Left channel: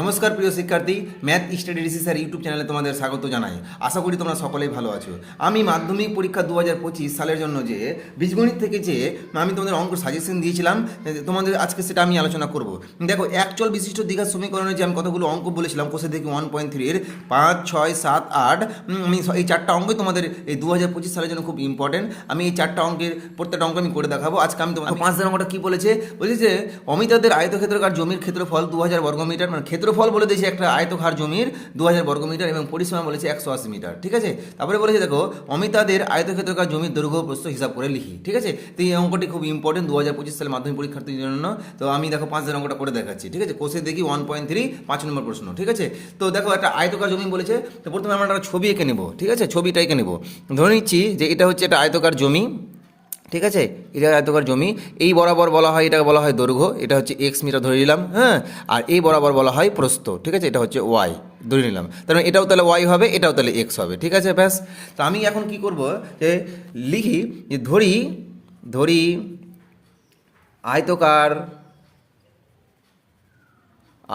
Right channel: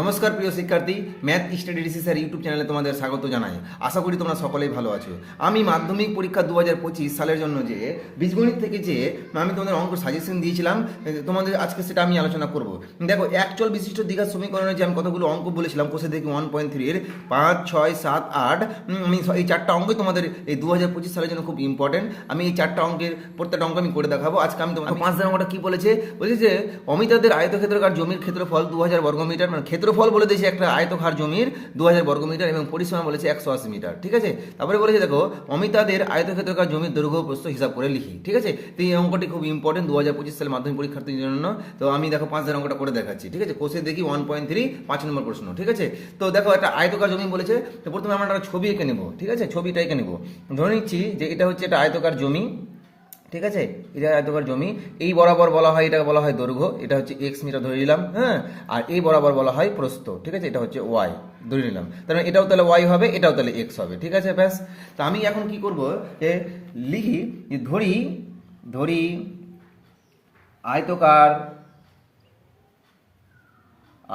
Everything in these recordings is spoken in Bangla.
নমস্কার প্রিয় শিক্ষার্থী, math study DC sir YouTube চ্যানেলে তোমাদের স্বাগত জানাই। আশা করি তোমরা সকলেই ভালো আছো। আমি মাধ্যমিক পরীক্ষা 2025 সালের জন্য যে বীজগণিত থেকে যে আমি তোমাদের অঙ্ক সাজেশন দিয়েছিলাম, তোমাদের আজকে সেটা আমি আলোচনা করব। দেখো, একচল বিশিষ্ট দ্বিঘাত সমীকরণের যে আমি কতগুলো অঙ্ক বলেছিলাম কোষে দেখি 1.3-এর 5, 6, 7, 8, আমি এই চারটা অঙ্কই তোমাদের এই 2025 সালের জন্য খুব ইম্পর্টেন্ট। আমি এই চারটা অঙ্কের প্রত্যেকটা অঙ্ক আমি করে দেখাবো। আজকে আমি তোমার 5 অঙ্কটা কী বলেছে যে অমিতাদের আয়তক্ষেত্রাকার জমির ক্ষেত্রফল 2000 বর্গমিটার, মানে ক্ষেত্রফল বলে দিয়েছে একটা আয়তক্ষেত্রাকার জমির 2000 বর্গমিটার এবং পরিসীমা বলেছে 180 মিটার। ঠিক আছে, তারপরে বলেছে দেখো অমিতাদের আয়তক্ষেত্রাকার জমির দৈর্ঘ্য প্রস্থ হিসাব করে লিখি। ঠিক আছে, তো এই অঙ্কটি খুব ইম্পর্টেন্ট 2025 সালের মাধ্যমিক পরীক্ষার্থীর জন্য। তো আমি দেখো 5 অঙ্কটা করে দেখাচ্ছি। ঠিক আছে, কোষে দেখি 1.3 5 নম্বর প্রশ্ন। ঠিক আছে, তো দেখো একটা আয়তকার জমি বলেছে, তো প্রথমে আমরা একটা ছবি এঁকে নেব। ঠিক আছে, ছবিটা এঁকে নেব। ধরে নিচ্ছি যে এটা হচ্ছে একটা আয়তকার জমি। ঠিক আছে, এটা আয়তকার জমি, এই বরাবর বলা হয়, এটাকে বলা হয় দৈর্ঘ্য, এটা হচ্ছে এক্স মিটার ধরে নিলাম। হ্যাঁ, আর এই বরাবর বলা হয় প্রস্থ। ঠিক আছে, এটা হচ্ছে ওয়াই ধরে নিলাম। তার এটাও তাহলে ওয়াই হবে, এটাও তাহলে এক্স হবে। ঠিক আছে, ব্যাস। তো আমি এখন কি করব, যে লিখি যে ধরি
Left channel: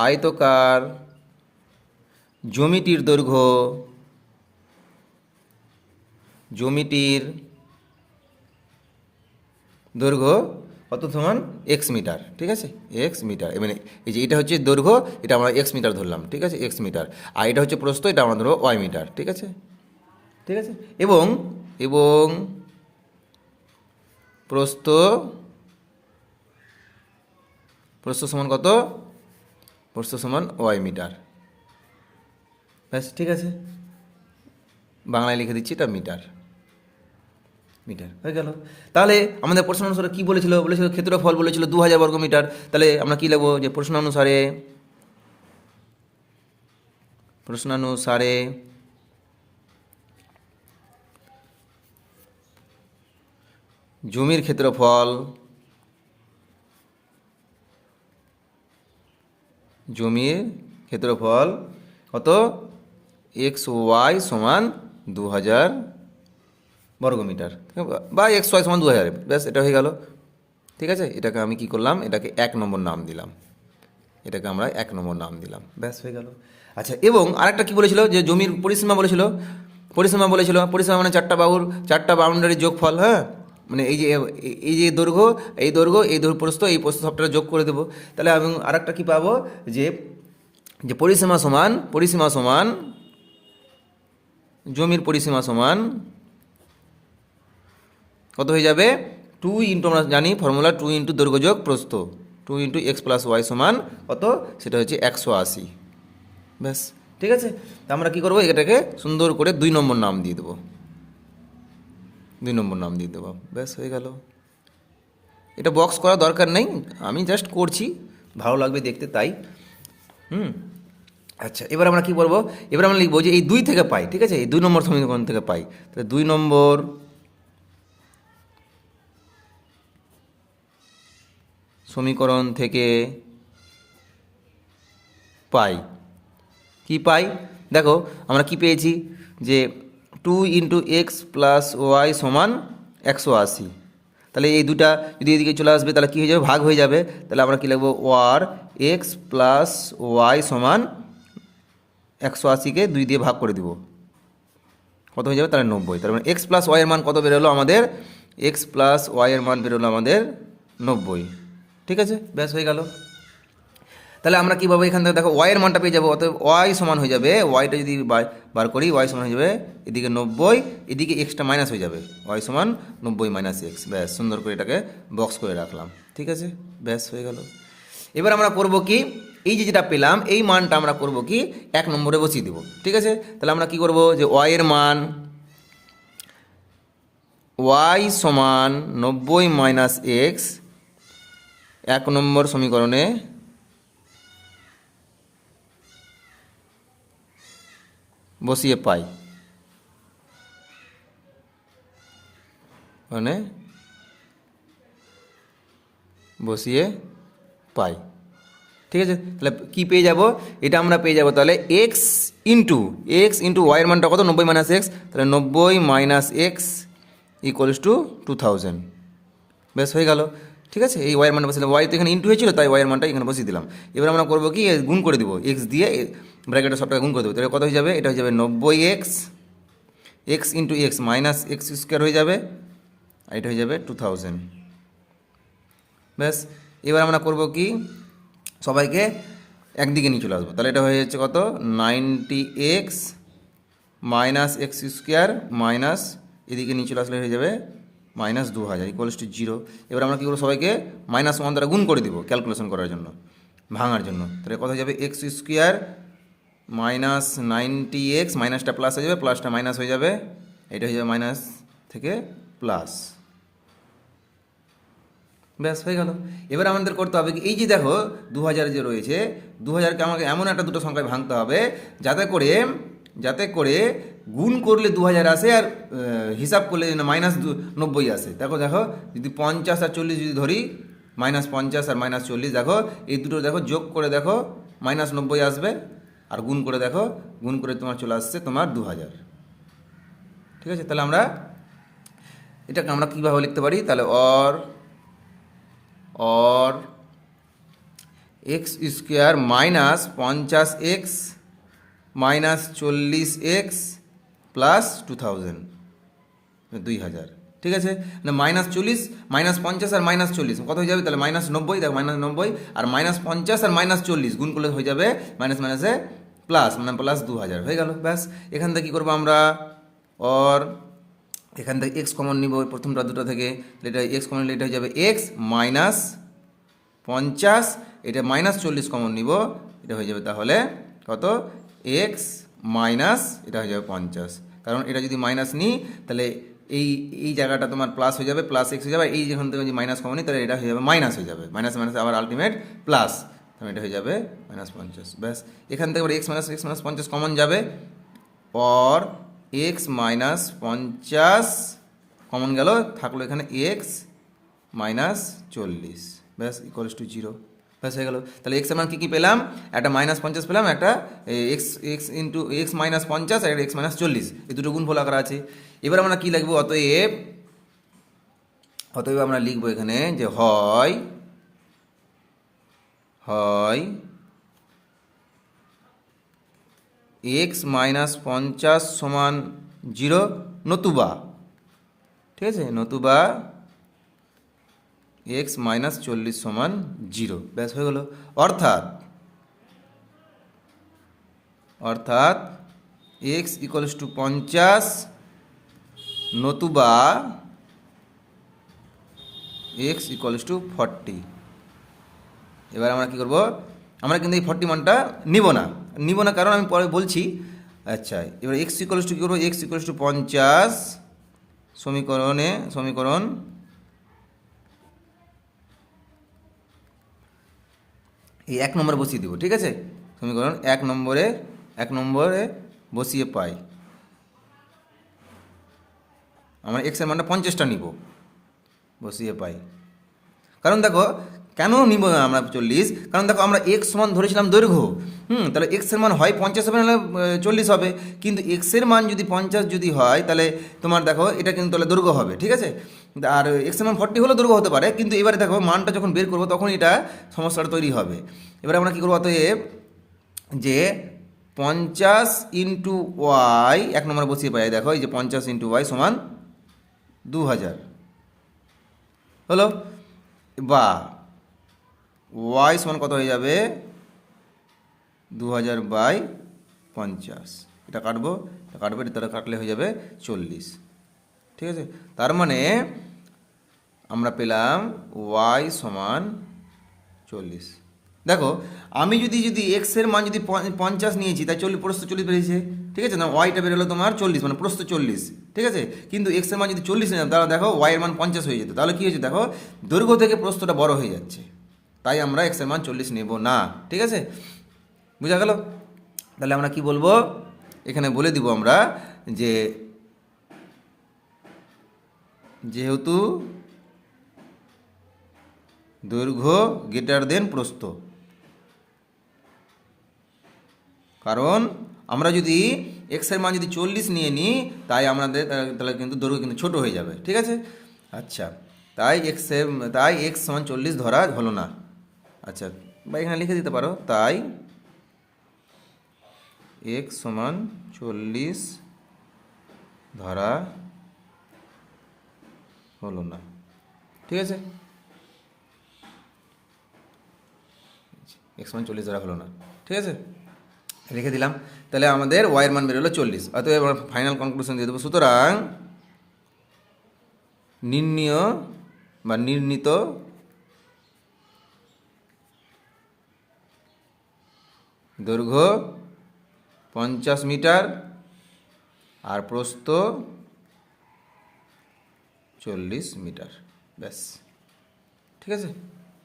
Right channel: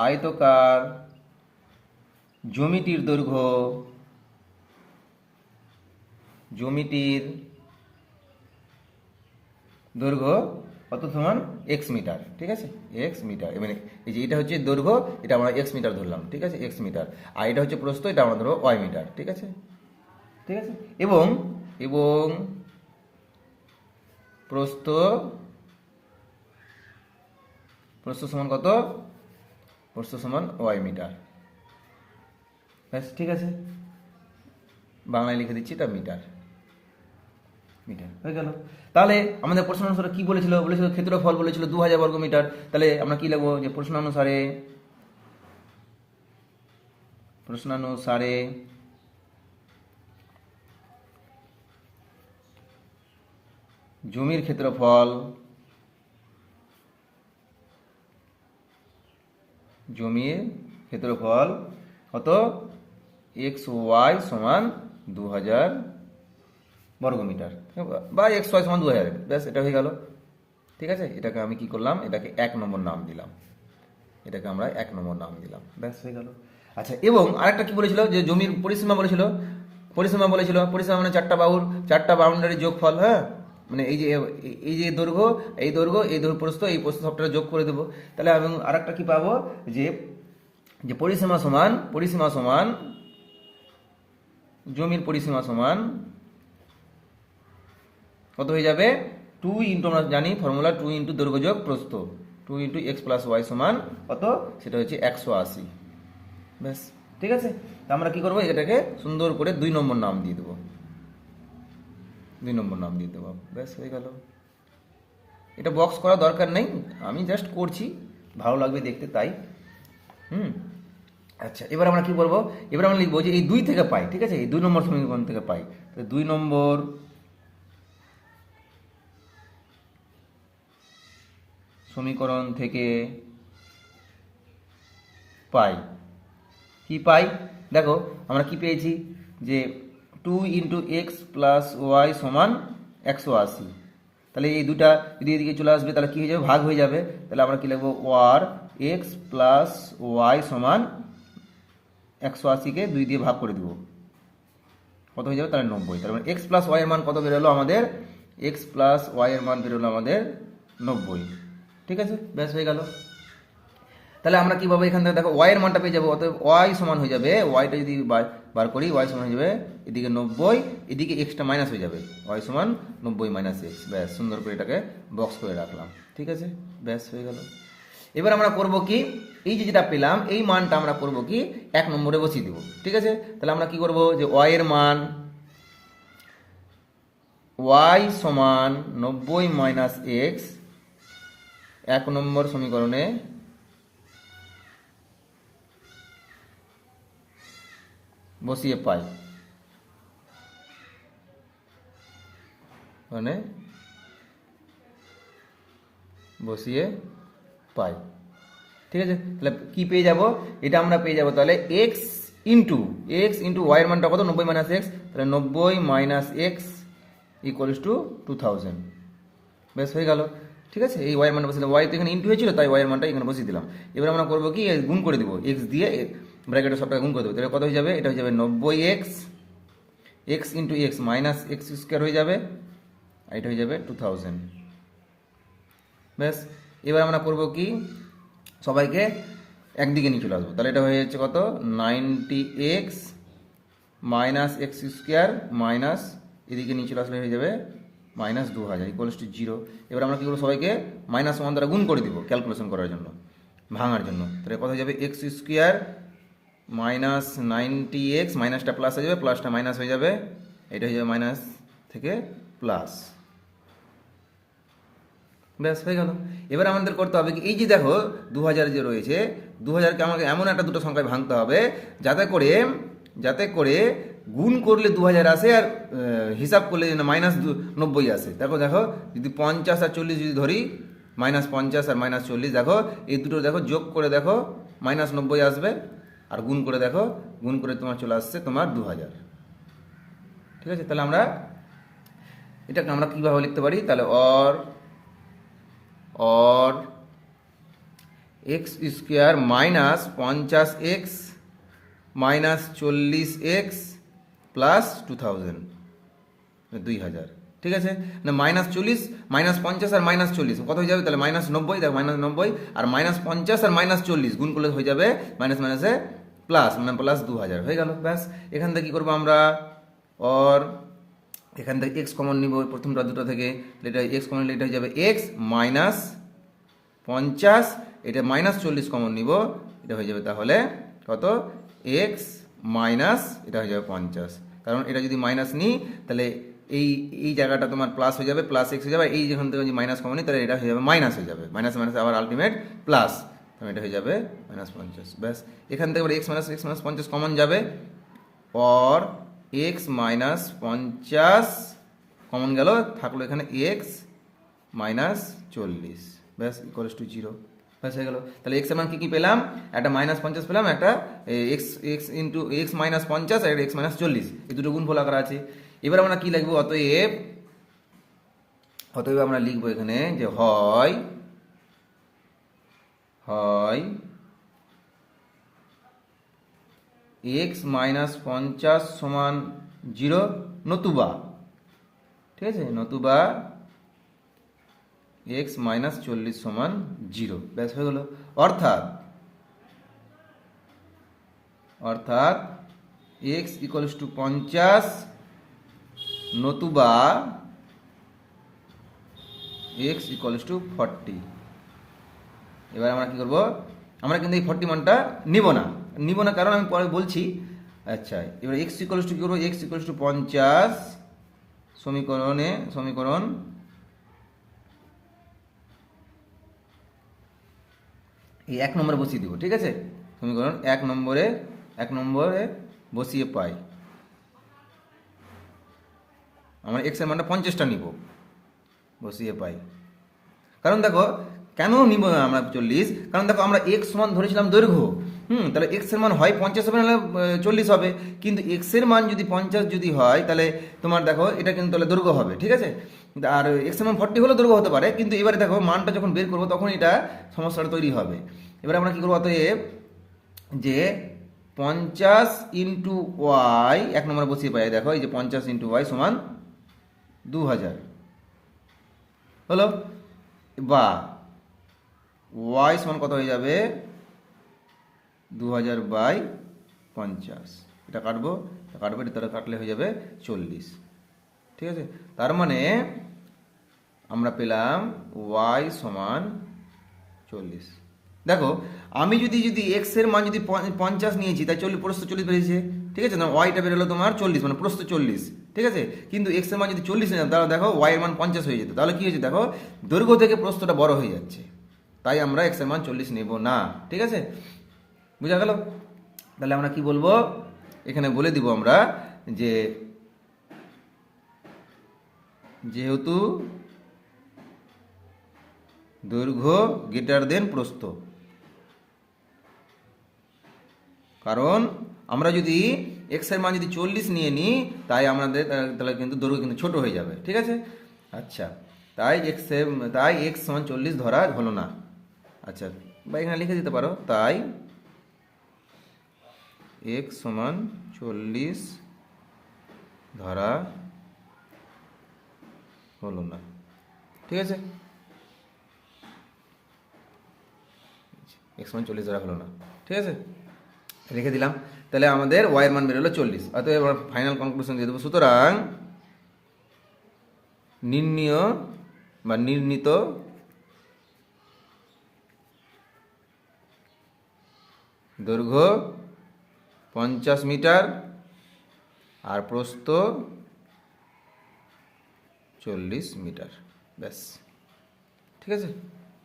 আয়তকার জমিটির দৈর্ঘ্য কত সমান এক্স মিটার। ঠিক আছে, এক্স মিটার, মানে এই যে এটা হচ্ছে দৈর্ঘ্য, এটা আমরা এক্স মিটার ধরলাম। ঠিক আছে, এক্স মিটার। আর এটা হচ্ছে প্রস্থ, এটা আমরা ধরবো ওয়াই মিটার। ঠিক আছে, ঠিক আছে, এবং প্রস্থ সমান কত? প্রস্থ সমান ওয়াই মিটার। ব্যাস, ঠিক আছে, বাংলায় লিখে দিচ্ছি, এটা মিটার হয়ে গেল। তাহলে আমাদের প্রশ্ন অনুসারে কী বলেছিল ক্ষেত্রফল বলেছিল 2000 বর্গমিটার। তাহলে আমরা কী লিখবো, যে প্রশ্নানুসারে জমির ক্ষেত্রফল কত? এক্স ওয়াই সমান 2000 বর্গমিটার বা এক্স ওয়াই সমান 2000। ব্যাস, এটা হয়ে গেল। ঠিক আছে, এটাকে আমি কি করলাম, এটাকে 1 নম্বর নাম দিলাম। ব্যাস, হয়ে গেল। আচ্ছা, এবং আরেকটা কি বলেছিল, যে জমির পরিসীমা বলেছিল। পরিসীমা মানে চারটা বাউন্ডারির যোগফল। হ্যাঁ, মানে এই যে দৈর্ঘ্য, প্রস্থ, এই প্রস্থ সবটা যোগ করে দেবো। তাহলে আমি আরেকটা কি পাবো, যে পরিসীমা সমান জমির পরিসীমা সমান কত হয়ে যাবে? 2 ইন্টু, আমরা জানি ফর্মুলা 2 ইন্টু দৈর্ঘ্য যোগ প্রস্থ, 2 ইন্টু এক্স প্লাস ওয়াই সমান কত? সেটা হচ্ছে 180। ব্যাস, ঠিক আছে। তা আমরা কী করবো, এটাকে সুন্দর করে 2 নম্বর নাম দিয়ে দেবো। ব্যাস, হয়ে গেল। এটা বক্স করা দরকার নেই, আমি জাস্ট করছি, ভালো লাগবে দেখতে, তাই। আচ্ছা, এবার আমরা কি বলবো, এবার আমরা লিখবো যে এই 2 থেকে পাই। ঠিক আছে, এই 2 নম্বর সমীকরণ থেকে পাই। তাহলে 2 নম্বর সমীকরণ থেকে পাই। কি পাই? দেখো আমরা কি পেয়েছি, যে 2 ইন্টু এক্স প্লাস ওয়াই সমান 180। তাহলে এই দুটা যদি এদিকে চলে আসবে, তাহলে কী হয়ে যাবে, ভাগ হয়ে যাবে। তাহলে আমরা কী লিখবো, ওয়ার এক্স প্লাস ওয়াই সমান 180-কে 2 দিয়ে ভাগ করে দিব, কত হয়ে যাবে? তাহলে 90। তার মানে এক্স প্লাস ওয়াইয়ের মান কত বেরোলো আমাদের? এক্স প্লাস ওয়াইয়ের মান বেরোলো আমাদের 90। ঠিক আছে, ব্যাস, হয়ে গেল। তাহলে আমরা কীভাবে এখান থেকে দেখো ওয়াইয়ের মানটা পেয়ে যাবো। অতএব ওয়াই সমান হয়ে যাবে, ওয়াইটা যদি বার করি, ওয়াই সমান হয়ে যাবে এদিকে 90, এদিকে এক্সটা মাইনাস হয়ে যাবে, ওয়াই সমান 90 মাইনাস এক্স। ব্যাস, সুন্দর করে এটাকে বক্স করে রাখলাম। ঠিক আছে, ব্যাস, হয়ে গেল। এবার আমরা করব কি, এই যেটা পেলাম এই মানটা আমরা করব কি, 1 নম্বরে বসিয়ে দেবো। ঠিক আছে, তাহলে আমরা কি করব, যে ওয়াইয়ের মান ওয়াই সমান 90 মাইনাস এক্স 1 নম্বর সমীকরণে বসিয়ে পাই, মানে ঠিক আছে, তাহলে কী পেয়ে যাব, এটা আমরা পেয়ে যাব তাহলে এক্স ইন্টু ওয়াইয়ের মানটা কত? 90 মাইনাস এক্স। তাহলে 90 মাইনাস এক্স ইকুয়ালস টু 2000। ব্যাস, হয়ে গেল। ঠিক আছে, এই ওয়াইয়ের মানটা বসিয়ে দিলাম, ওয়াই তো এখানে ইন্টু হয়েছিল তাই ওয়াইয়ের মানটা এখানে বসিয়ে দিলাম। এবার আমরা করবো কি, গুণ করে দেবো, এক্স দিয়ে ব্র্যাকেটে সবটাকে গুণ করে দেবো, তাহলে কত হয়ে যাবে, এটা হয়ে যাবে 90x, x into x minus x square হয়ে যাবে, আর এটা হয়ে যাবে 2000। ব্যাস, এবার আমরা করবো কি, সবাইকে একদিকে নিয়ে চলে আসবো, তাহলে এটা হয়ে যাচ্ছে কত, 90x minus x square minus এদিকে নিয়ে চলে আসলে হয়ে যাবে মাইনাস 2000 ইকুয়ালস টু 0। এবার আমরা কী করবো, সবাইকে মাইনাস 1 দ্বারা গুণ করে দিব ক্যালকুলেশন করার জন্য, ভাঙার জন্য, তাহলে কত হয়ে যাবে, এক্স স্কোয়ার মাইনাস 90x, মাইনাসটা প্লাস হয়ে যাবে, প্লাসটা মাইনাস হয়ে যাবে, এটা হয়ে যাবে মাইনাস থেকে প্লাস। ব্যাস হয়ে গেল। এবার আমাদের করতে হবে কি, এই যে দেখো 2000 যে রয়েছে, 2000কে আমাকে এমন একটা দুটো সংখ্যায় ভাঙতে হবে যাতে করে গুণ করলে 2000 আসে আর হিসাব করলে মাইনাস 90 আসে। দেখো যদি 50 আর 40 যদি ধরি, -50 আর -40, দেখো এই দুটো দেখো যোগ করে দেখো -90 আসবে, আর গুণ করে তোমার চলে আসছে তোমার 2000। ঠিক আছে, তাহলে এটাকে আমরা কীভাবে লিখতে পারি, তাহলে और x square minus 50x minus 40x plus 2000 ঠিক আছে না, -40 -50 আর -40 কত হয়ে যাবে, তাহলে -90, দেখো -90 আর -50 আর -40 গুণ করলে হয়ে যাবে মাইনাস মাইনাসে প্লাস, মানে প্লাস 2000 হয়ে গেল। ব্যাস, এখান থেকে কী করবো আমরা, এখান থেকে এক্স কমন নিব প্রথমটা দুটো থেকে, এটা এক্স কমন নিলে এটা হয়ে যাবে এক্স মাইনাস 50, এটা -40 কমন নিব, এটা হয়ে যাবে তাহলে কত, এক্স মাইনাস এটা হয়ে যাবে 50, কারণ এটা যদি মাইনাস নিই তাহলে এই জায়গাটা তোমার প্লাস হয়ে যাবে, প্লাস এক্স হয়ে যাবে, এই যেখান থেকে যদি মাইনাস কমন নিই তাহলে এটা হয়ে যাবে মাইনাস হয়ে যাবে, মাইনাস মাইনাস আবার আলটিমেট প্লাস, তাহলে এটা হয়ে যাবে -50। ব্যাস, এখান থেকে এক্স মাইনাস 50 কমন যাবে, और এক্স মাইনাস 50 কমন গেল, থাকলো এখানে এক্স মাইনাস 40, ব্যাস ইকুয়ালস টু 0। ব্যাস হয়ে গেল। তাহলে এক্স এর মান কী পেলাম, একটা -50 পেলাম, একটা এক্স ইন্টু এক্স মাইনাস 50 আর একটা এক্স মাইনাস 40, এই দুটো গুণফল আকার আছে। এবার আমরা কী লিখবো, অতএব আমরা লিখবো এখানে যে হয় এক্স মাইনাস 50 সমান 0, নতুবা, ঠিক আছে, নতুবা এক্স মাইনাস 40 সমান 0। ব্যাস হয়ে গেল। অর্থাৎ এক্স ইকুয়ালস টু 50 নতুবা এক্স ইকুয়ালস টু 40। এবার আমরা কী করবো, আমরা কিন্তু এই 40 মানটা নিব না, কারণ আমি পরে বলছি। আচ্ছা, এবার এক্স ইকুয়ালস টু কী করবো, এক্স ইকুয়ালস টু 50 সমীকরণ এই 1 নম্বরে বসিয়ে দিব, ঠিক আছে, সমীকরণ 1 নম্বরে বসিয়ে পাই, আমরা এক্সের মানটা 50টা নিব, বসিয়ে পাই। কারণ দেখো কেন নিব না আমরা 40, কারণ দেখো আমরা এক্স সমান ধরেছিলাম দৈর্ঘ্য, তাহলে এক্সের মান হয় 50 হবে, নাহলে 40 হবে, কিন্তু এক্সের মান যদি 50 যদি হয় তাহলে তোমার দেখো এটা কিন্তু তাহলে দৈর্ঘ্য হবে, ঠিক আছে, আর এক্সের মান 40 হলেও দৈর্ঘ্য হতে পারে, কিন্তু এবারে দেখো মানটা যখন বের করবো তখন এটা সমস্যাটা তৈরি হবে। এবারে আমরা কী করবো, অতএব যে 50 ইন্টু ওয়াই 1 নম্বরে বসিয়ে পাই, দেখো এই যে 50 ইন্টু ওয়াই সমান 2000 হলো, বা ওয়াই সমান কত হয়ে যাবে, 2000/50, এটা কাটবো, এটা তাহলে কাটলে হয়ে যাবে 40, ঠিক আছে। তার মানে আমরা পেলাম ওয়াই সমান 40। দেখো আমি যদি এক্সের মান যদি 50 নিয়েছি, তাই 40 বেরিয়েছে, ঠিক আছে না, ওয়াইটা বেরোলো তোমার 40, মানে প্রস্থ 40, ঠিক আছে, কিন্তু এক্সের মান যদি 40 নিলাম তাহলে দেখো ওয়াইয়ের মান 50 হয়ে যেত, তাহলে কী হয়েছে, দেখো দৈর্ঘ্য থেকে প্রস্থটা বড় হয়ে যাচ্ছে, তাই আমরা এক্সের মান 40 নেব না, ঠিক আছে, বুঝা গেল। তাহলে আমরা কি বলবো, এখানে বলে দিব আমরা যে যেহেতু দৈর্ঘ্য গ্রেটার দেন প্রস্থ, কারণ আমরা যদি এক্সের মান যদি 40 নিয়ে নিই তাই আমাদের তাহলে কিন্তু দৈর্ঘ্য কিন্তু ছোট হয়ে যাবে, ঠিক আছে। আচ্ছা, তাই এক্স সমান 40 ধরা হলো না। আচ্ছা, বা এখানে লিখে দিতে পারো, তাই এক্স সমান 40 ধরা হলো না। ঠিক আছে, এক্স সমান 40 ধরা হলো না। ঠিক আছে, রেখে দিলাম। তাহলে আমাদের ওয়াইয়ের মান বেরোলো 40। অতএব এবার ফাইনাল কনক্লুশন দিয়ে দেবো। সুতরাং নির্ণীত দৈর্ঘ্য 50 মিটার আর প্রস্থ 40 মিটার। ব্যাস, ঠিক আছে,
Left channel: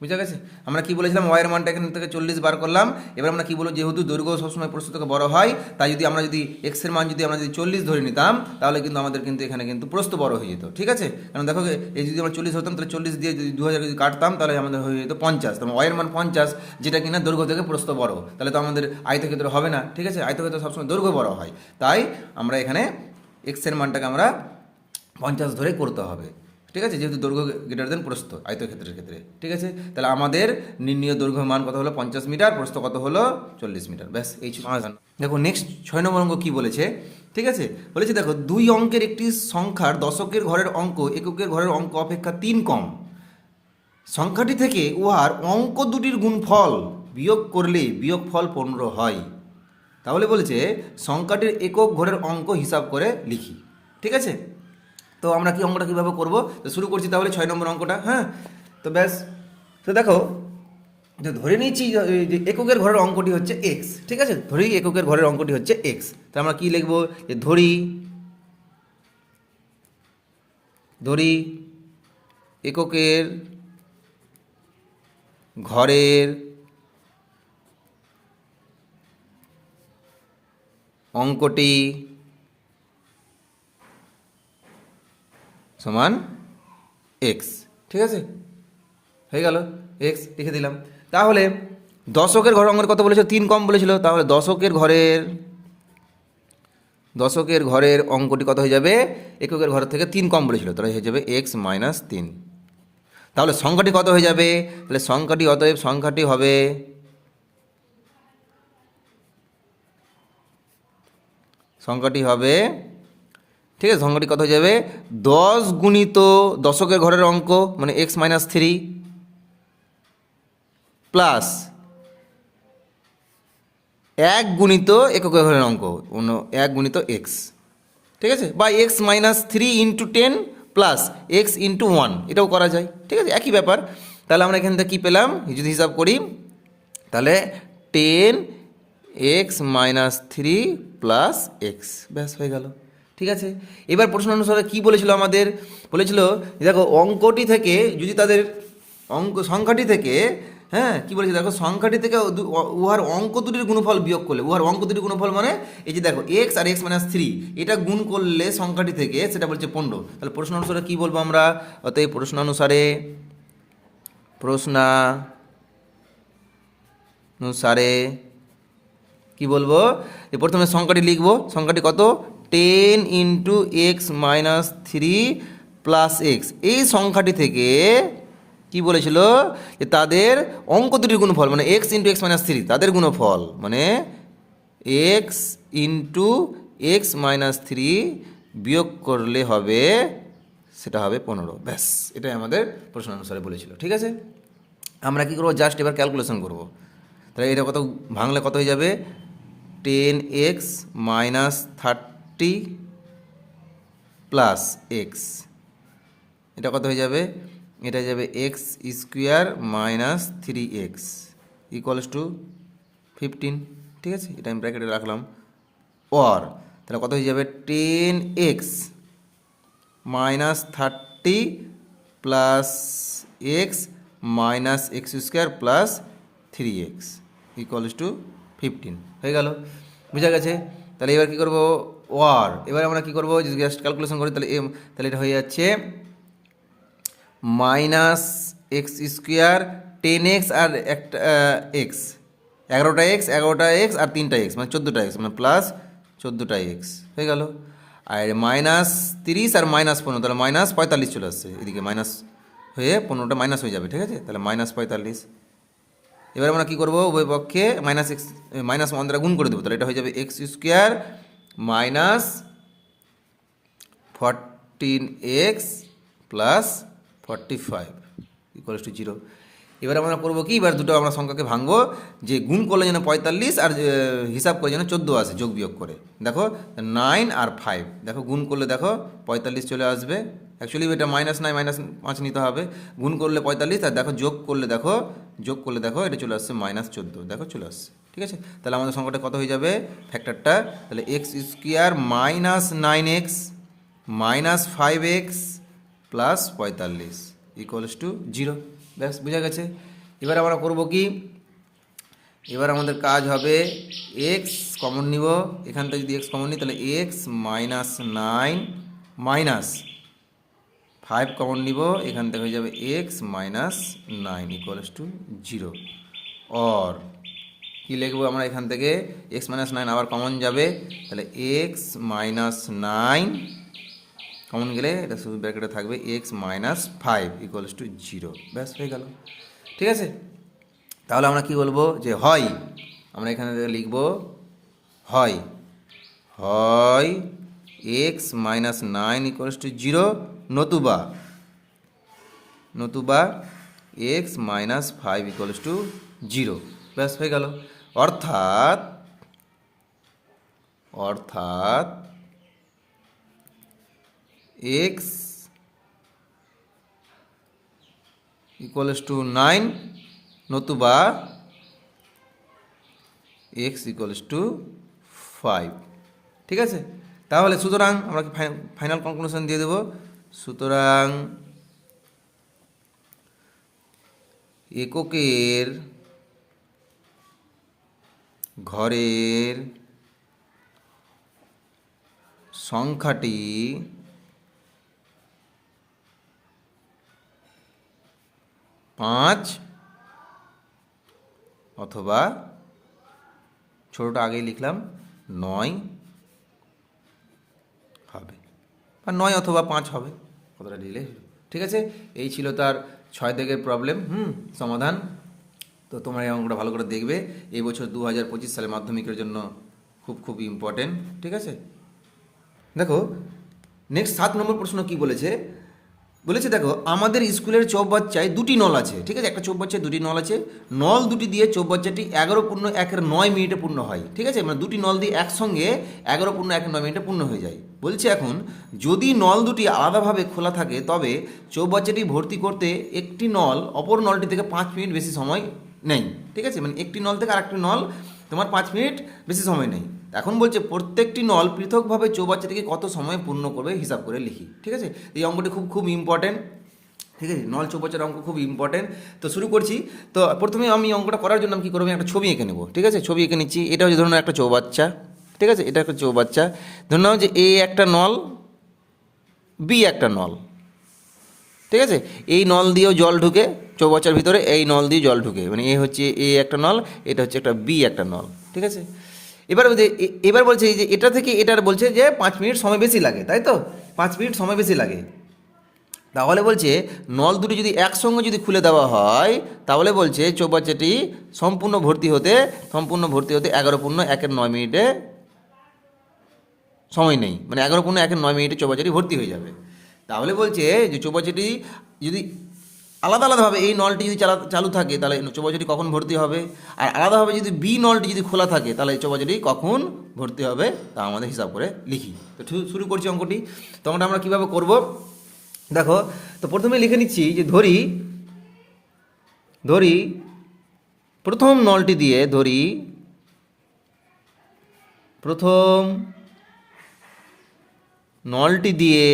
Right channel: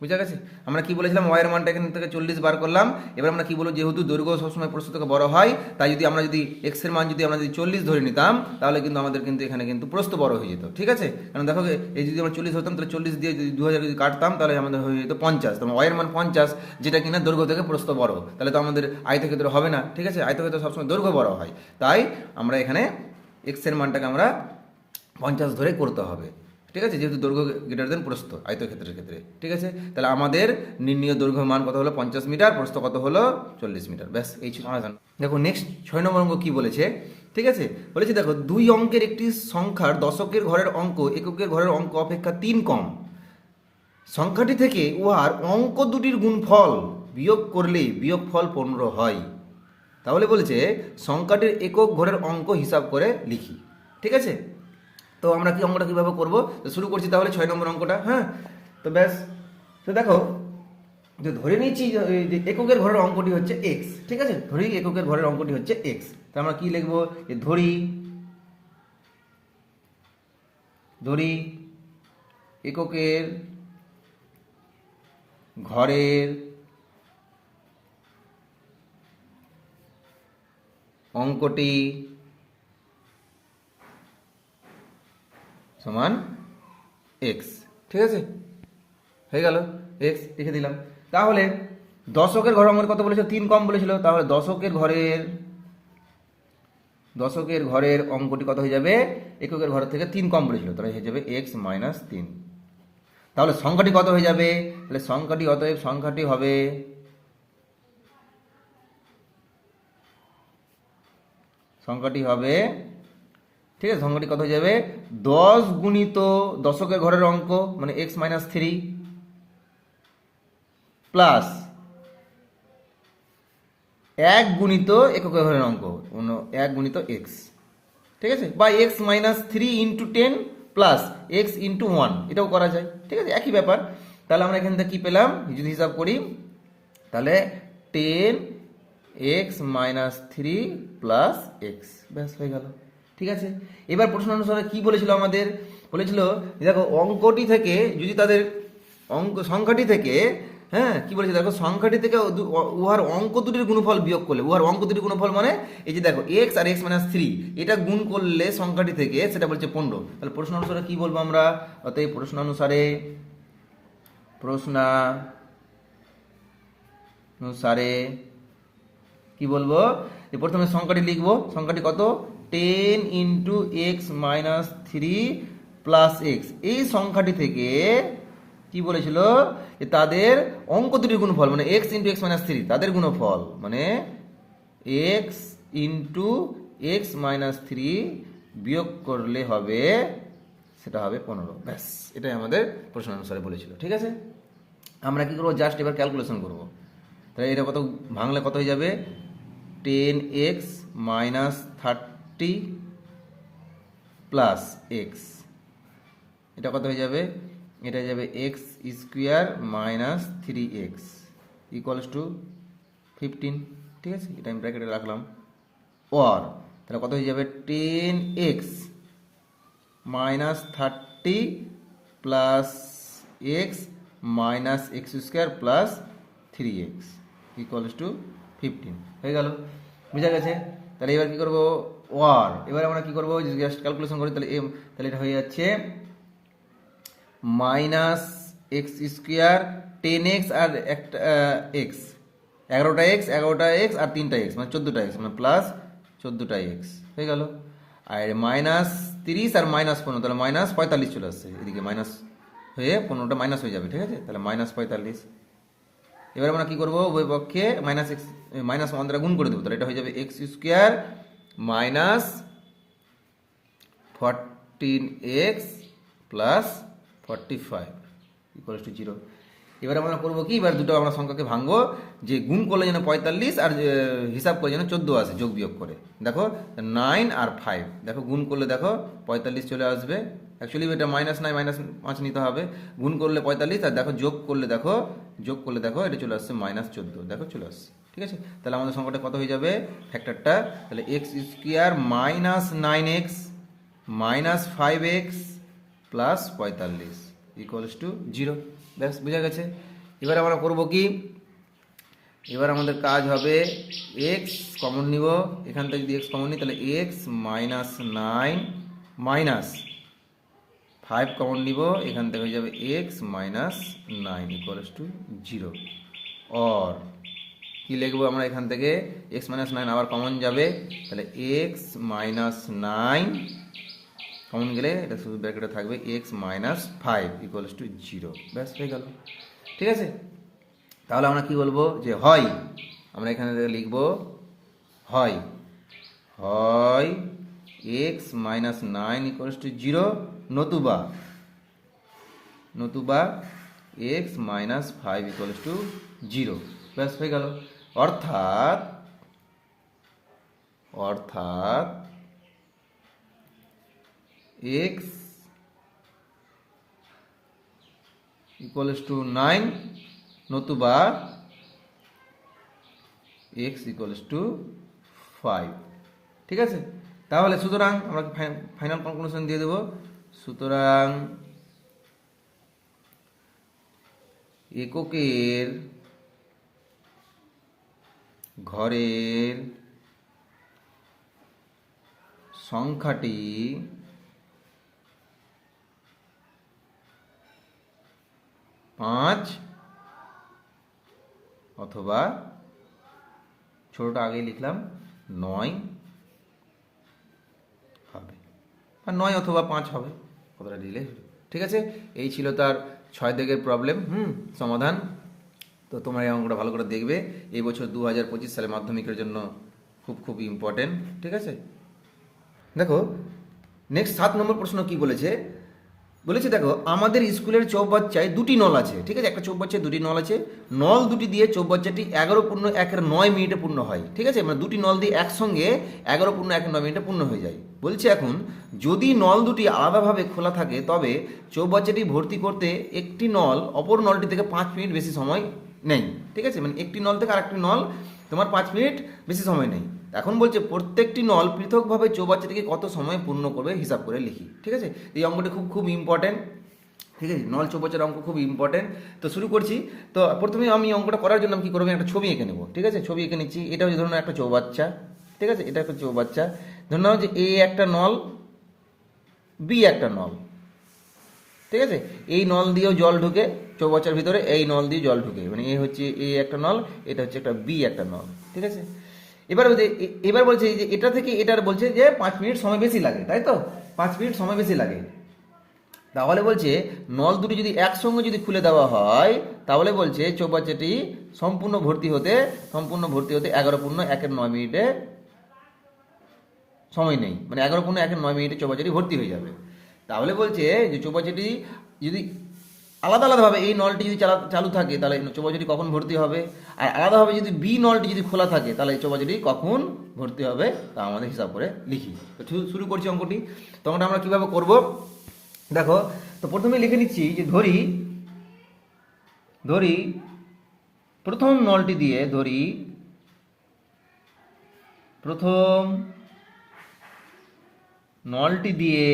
বুঝা গেছে। আমরা কি বলেছিলাম, ওয়াইয়ের মানটা এখান থেকে 40 বার করলাম। এবার আমরা কি বলবো, যেহেতু দৈর্ঘ্য সবসময় প্রস্থ থেকে বড় হয়, তাই যদি আমরা এক্সের মান আমরা 40 ধরে নিতাম, তাহলে কিন্তু আমাদের কিন্তু এখানে কিন্তু প্রস্থ বড় হয়ে যেত। ঠিক আছে, কারণ দেখো এই যদি আমরা 40 হতাম, তাহলে 40 দিয়ে যদি 2000 যদি কাটতাম, তাহলে আমাদের হয়ে যেত 50। তো ওয়াইয়ের মান 50, যেটা কিনা দৈর্ঘ্য থেকে প্রস্থ বড়, তাহলে তো আমাদের আয়তক্ষেত্র হবে না। ঠিক আছে, আয়তক্ষেত্র সবসময় দৈর্ঘ্য বড় হয়, তাই আমরা এখানে এক্সের মানটাকে আমরা 50 ধরে করতে হবে। ঠিক আছে, যেহেতু দৈর্ঘ্য গ্রেটার দেন প্রস্থ আয়তক্ষেত্রের ক্ষেত্রে। ঠিক আছে, তাহলে আমাদের নির্ণীয় দৈর্ঘ্য মান কত হলো, 50 মিটার, প্রস্থ কত হলো, 40 মিটার। ব্যাস, এই সমাধান। দেখো নেক্সট 6 নম্বর অঙ্ক কি বলেছে। ঠিক আছে, বলেছে দেখো, 2 অঙ্কের একটি সংখ্যার দশকের ঘরের অঙ্ক এককের ঘরের অঙ্ক অপেক্ষা 3 কম। সংখ্যাটি থেকে উহার অঙ্ক দুটির গুণফল বিয়োগ করলে বিয়োগফল 15 হয়। তাহলে বলেছে সংখ্যাটির একক ঘরের অঙ্ক হিসাব করে লিখি। ঠিক আছে, তো আমরা কি অঙ্কটা কীভাবে করবো, তো শুরু করছি তাহলে 6 নম্বর অঙ্কটা। হ্যাঁ, তো ব্যাস, তো দেখো, যে ধরে নিয়েছি যে এককের ঘরের অঙ্কটি হচ্ছে এক্স। ঠিক আছে, ধরি এককের ঘরের অঙ্কটি হচ্ছে এক্স। তো আমরা কি লিখবো, যে ধরি এককের ঘরের অঙ্কটি সমান এক্স। ঠিক আছে, হয়ে গেল, এক্স লিখে দিলাম। তাহলে দশকের ঘরের অঙ্কের কত বলেছিল, 3 কম বলেছিল। তাহলে দশকের ঘরের অঙ্কটি কত হয়ে যাবে, এককের ঘরের থেকে 3 কম বলেছিল, তাহলে হয়ে যাবে এক্স মাইনাস 3। তাহলে সংখ্যাটি কত হয়ে যাবে, তাহলে অতএব সংখ্যাটি হবে ঠিক আছে, সংখ্যাটি কত হয়ে যাবে, 10 গুণিত দশকের ঘরের অঙ্ক মানে এক্স মাইনাস 3 প্লাস 1 গুণিত এককের ঘরের অঙ্ক 1 গুণিত এক্স। ঠিক আছে, বা x minus 3 into 10 plus x into 1, এটাও করা যায়। ঠিক আছে, একই ব্যাপার। তাহলে আমরা এখান থেকে কী পেলাম, যদি হিসাব করি, তাহলে 10 এক্স মাইনাস 3 প্লাস এক্স। ব্যাস, হয়ে গেল। ঠিক আছে, এবার প্রশ্ন অনুসারে কী বলেছিল, আমাদের বলেছিল দেখো অঙ্কটি থেকে যদি তাদের সংখ্যাটি থেকে, হ্যাঁ কী বলেছে দেখো, সংখ্যাটি থেকে উহার অঙ্ক দুটির গুণফল বিয়োগ করলে, উহার অঙ্ক দুটির গুণফল মানে এই যে দেখো এক্স আর এক্স মাইনাস 3, এটা গুণ করলে সংখ্যাটি থেকে সেটা বলছে 15। তাহলে প্রশ্ন অনুসারে কী বলবো আমরা, অতএব প্রশ্ন অনুসারে কি বলবো, যে প্রথমে সংখ্যাটি লিখবো, সংখ্যাটি কত, 10 into x minus 3 plus x. এই সংখ্যাটি থেকে কি বলেছিল, যে তাদের অঙ্ক দুটির গুণফল মানে এক্স ইন্টু এক্স মাইনাস 3, তাদের গুণফল মানে এক্স ইন্টু এক্স মাইনাস 3 বিয়োগ করলে হবে, সেটা হবে 15। ব্যাস, এটাই আমাদের প্রশ্ন অনুসারে বলেছিল। ঠিক আছে, আমরা কি করবো, জাস্ট এবার ক্যালকুলেশন করবো। তাহলে এটা কত ভাঙলে কত হয়ে যাবে, 10x মাইনাস 30 প্লাস এক্স, এটা কত হয়ে যাবে, এটা হয়ে যাবে x square minus 3x equals to 15। ঠিক আছে, এটা আমি ব্র্যাকেটে রাখলাম। ওর তাহলে কত হয়ে যাবে, 10x minus 30 plus x minus x square plus 3x equals to 15। হয়ে গেল, বুঝা গেছে। তাহলে এবার কী করবো, এবার আমরা কী করবো, যদি জাস্ট ক্যালকুলেশন করি, তাহলে এটা হয়ে যাচ্ছে মাইনাস এক্স স্কোয়ার 10x আর একটা এক্স, 11টা এক্স আর 3টা এক্স মানে 14টা এক্স মানে প্লাস 14টা এক্স হয়ে গেল। আর মাইনাস 30 আর মাইনাস 15, তাহলে মাইনাস 45 চলে আসছে এদিকে, মাইনাস হয়ে 15টা মাইনাস হয়ে যাবে, ঠিক আছে? তাহলে -45। এবার আমরা কী করবো, উভয় পক্ষে -1 দ্বারা গুণ করে দেবো, তাহলে এটা হয়ে যাবে x² minus 14x plus 45 equals to 0। এবার আমরা করবো কি, এবার দুটো আমরা সংখ্যাকে ভাঙবো, যে গুণ করলে যেন 45 আর হিসাব করে যেন 14 আসে যোগ বিয়োগ করে। দেখো 9 আর 5, দেখো গুণ করলে দেখো 45 চলে আসবে। অ্যাকচুয়ালি এটা -9 -5 নিতে হবে। গুণ করলে 45 আর দেখো যোগ করলে দেখো এটা চলে আসছে -14, দেখো চলে আসছে, ঠিক আছে? তাহলে আমাদের সংখ্যাটা কত হয়ে যাবে ফ্যাক্টরটা, তাহলে x² minus 9x minus 5x plus 45 equals to 0। ব্যাস বোঝা গেছে। এবার আমরা করব কি, এবার আমাদের কাজ হবে x কমন নিব, এখান থেকে যদি x কমন নিই তাহলে x মাইনাস 9 মাইনাস 5 কমন নিব, এখান থেকে হয়ে যাবে x minus 9 equals to 0। Or কি লিখবো আমরা এখান থেকে, x মাইনাস 9 আবার কমন যাবে, তাহলে x মাইনাস 9 কমন গেলে এটা শুধু ব্র্যাকেটে থাকবে x মাইনাস 5 ইকুয়ালস টু 0। ব্যাস হয়ে গেল, ঠিক আছে? তাহলে আমরা কি বলবো, যে হয়, আমরা এখানে লিখব হয় x মাইনাস 9 ইকুয়ালস টু 0, নতুবা x মাইনাস 5 ইকুয়ালস টু 0। ব্যাস হয়ে গেল। অর্থাৎ x ইকুয়ালস টু 9 নতুবা x ইকুয়ালস টু 5, ঠিক আছে? তাহলে সুতরাং আমরা ফাইনাল কনক্লুশন দিয়ে দেব। সুতরাং এককের ঘরের সংখ্যাটি পাঁচ অথবা ছোটোটা আগেই লিখলাম 9 হবে, আর 9 অথবা 5 হবে, কতটা দিলে, ঠিক আছে? এই ছিল তার 6 দাগের প্রবলেম সমাধান। তো তোমরা এই অঙ্কটা ভালো করে দেখবে, এই বছর 2025 সালে মাধ্যমিকের জন্য খুব ইম্পর্টেন্ট, ঠিক আছে? দেখো নেক্সট 7 নম্বর প্রশ্ন কি বলেছে, দেখো আমাদের স্কুলের চৌবাচ্চায় দুটি নল আছে, ঠিক আছে? একটা চৌবাচ্চায় দুটি নল আছে, নল দুটি দিয়ে চৌবাচ্চাটি 11:1 মিনিটে পূর্ণ হয়, ঠিক আছে? মানে দুটি নল দিয়ে একসঙ্গে 11:1 মিনিটে পূর্ণ হয়ে যায়। বলছে এখন যদি নল দুটি আলাদাভাবে খোলা থাকে তবে চৌবাচ্চাটি ভর্তি করতে একটি নল অপর নলটি থেকে 5 মিনিট বেশি সময় নেই, ঠিক আছে? মানে একটি নল থেকে আরেকটি নল তোমার 5 মিনিট বেশি সময় নেই। এখন বলছে প্রত্যেকটি নল পৃথকভাবে চৌবাচ্চাটিকে কত সময় পূর্ণ করবে হিসাব করে লিখি, ঠিক আছে? এই অঙ্কটি খুব ইম্পর্টেন্ট, ঠিক আছে? নল চৌবাচ্চার অঙ্ক খুব ইম্পর্টেন্ট। তো শুরু করছি। তো প্রথমে আমি অঙ্কটা করার জন্য আমি কী করবো, আমি একটা ছবি এঁকে নেবো, ঠিক আছে? ছবি এঁকে নিচ্ছি। এটা হচ্ছে ধরুন একটা চৌবাচ্চা, ঠিক আছে? এটা একটা চৌবাচ্চা, ধরুন যে এ একটা নল, বি একটা নল, ঠিক আছে? এই নল দিয়েও জল ঢুকে চৌবাচ্চার ভিতরে, এই নল দিয়ে জল ঢুকে, মানে এ হচ্ছে এ একটা নল, এটা হচ্ছে একটা বি একটা নল, ঠিক আছে? এবার বলছে যে এটা থেকে এটার বলছে যে 5 মিনিট সময় বেশি লাগে, তাই তো? 5 মিনিট সময় বেশি লাগে। তাহলে বলছে নল দুটি যদি একসঙ্গে যদি খুলে দেওয়া হয় তাহলে বলছে চৌবাচ্চাটি সম্পূর্ণ ভর্তি হতে 11:1 মিনিটে সময় নেই, মানে 11:1 মিনিটে চৌবাচ্চাটি ভর্তি হয়ে যাবে। তাহলে বলছে যে চৌবাচ্চাটি যদি আলাদাভাবে এই নলটি যদি চালু থাকে তাহলে চৌবাচ্চাটি কখন ভর্তি হবে, আর আলাদাভাবে যদি বি নলটি যদি খোলা থাকে তাহলে চৌবাচ্চাটি কখন ভর্তি হবে তা আমাদের হিসাব করে লিখি। তো শুরু করছি অঙ্কটি। তখন আমরা কীভাবে করব দেখো। তো প্রথমে লিখে নিচ্ছি যে ধরি প্রথম নলটি দিয়ে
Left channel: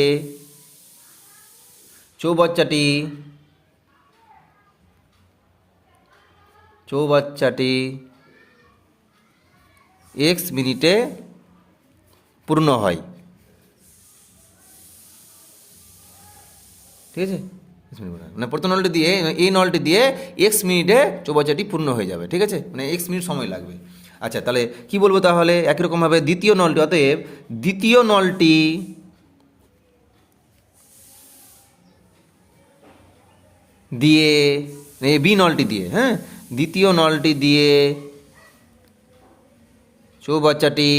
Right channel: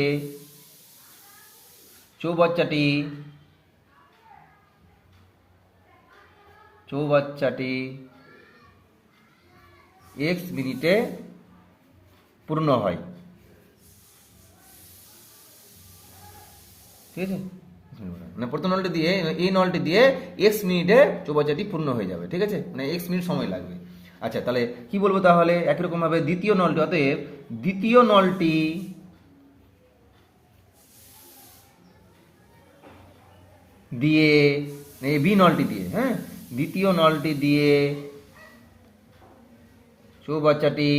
চৌবাচ্চাটি x মিনিটে পূর্ণ হয়, ঠিক আছে? মানে প্রথম নলটি দিয়ে এই নলটি দিয়ে x মিনিটে চৌবাচ্চাটি পূর্ণ হয়ে যাবে, ঠিক আছে? মানে x মিনিট সময় লাগবে। আচ্ছা, তাহলে কি বলবো তাহলে? একই রকমভাবে দ্বিতীয় নলটি, অতএব দ্বিতীয় নলটি দিয়ে এই বি নলটি দিয়ে, হ্যাঁ, দ্বিতীয় নলটি দিয়ে চৌবাচ্চাটি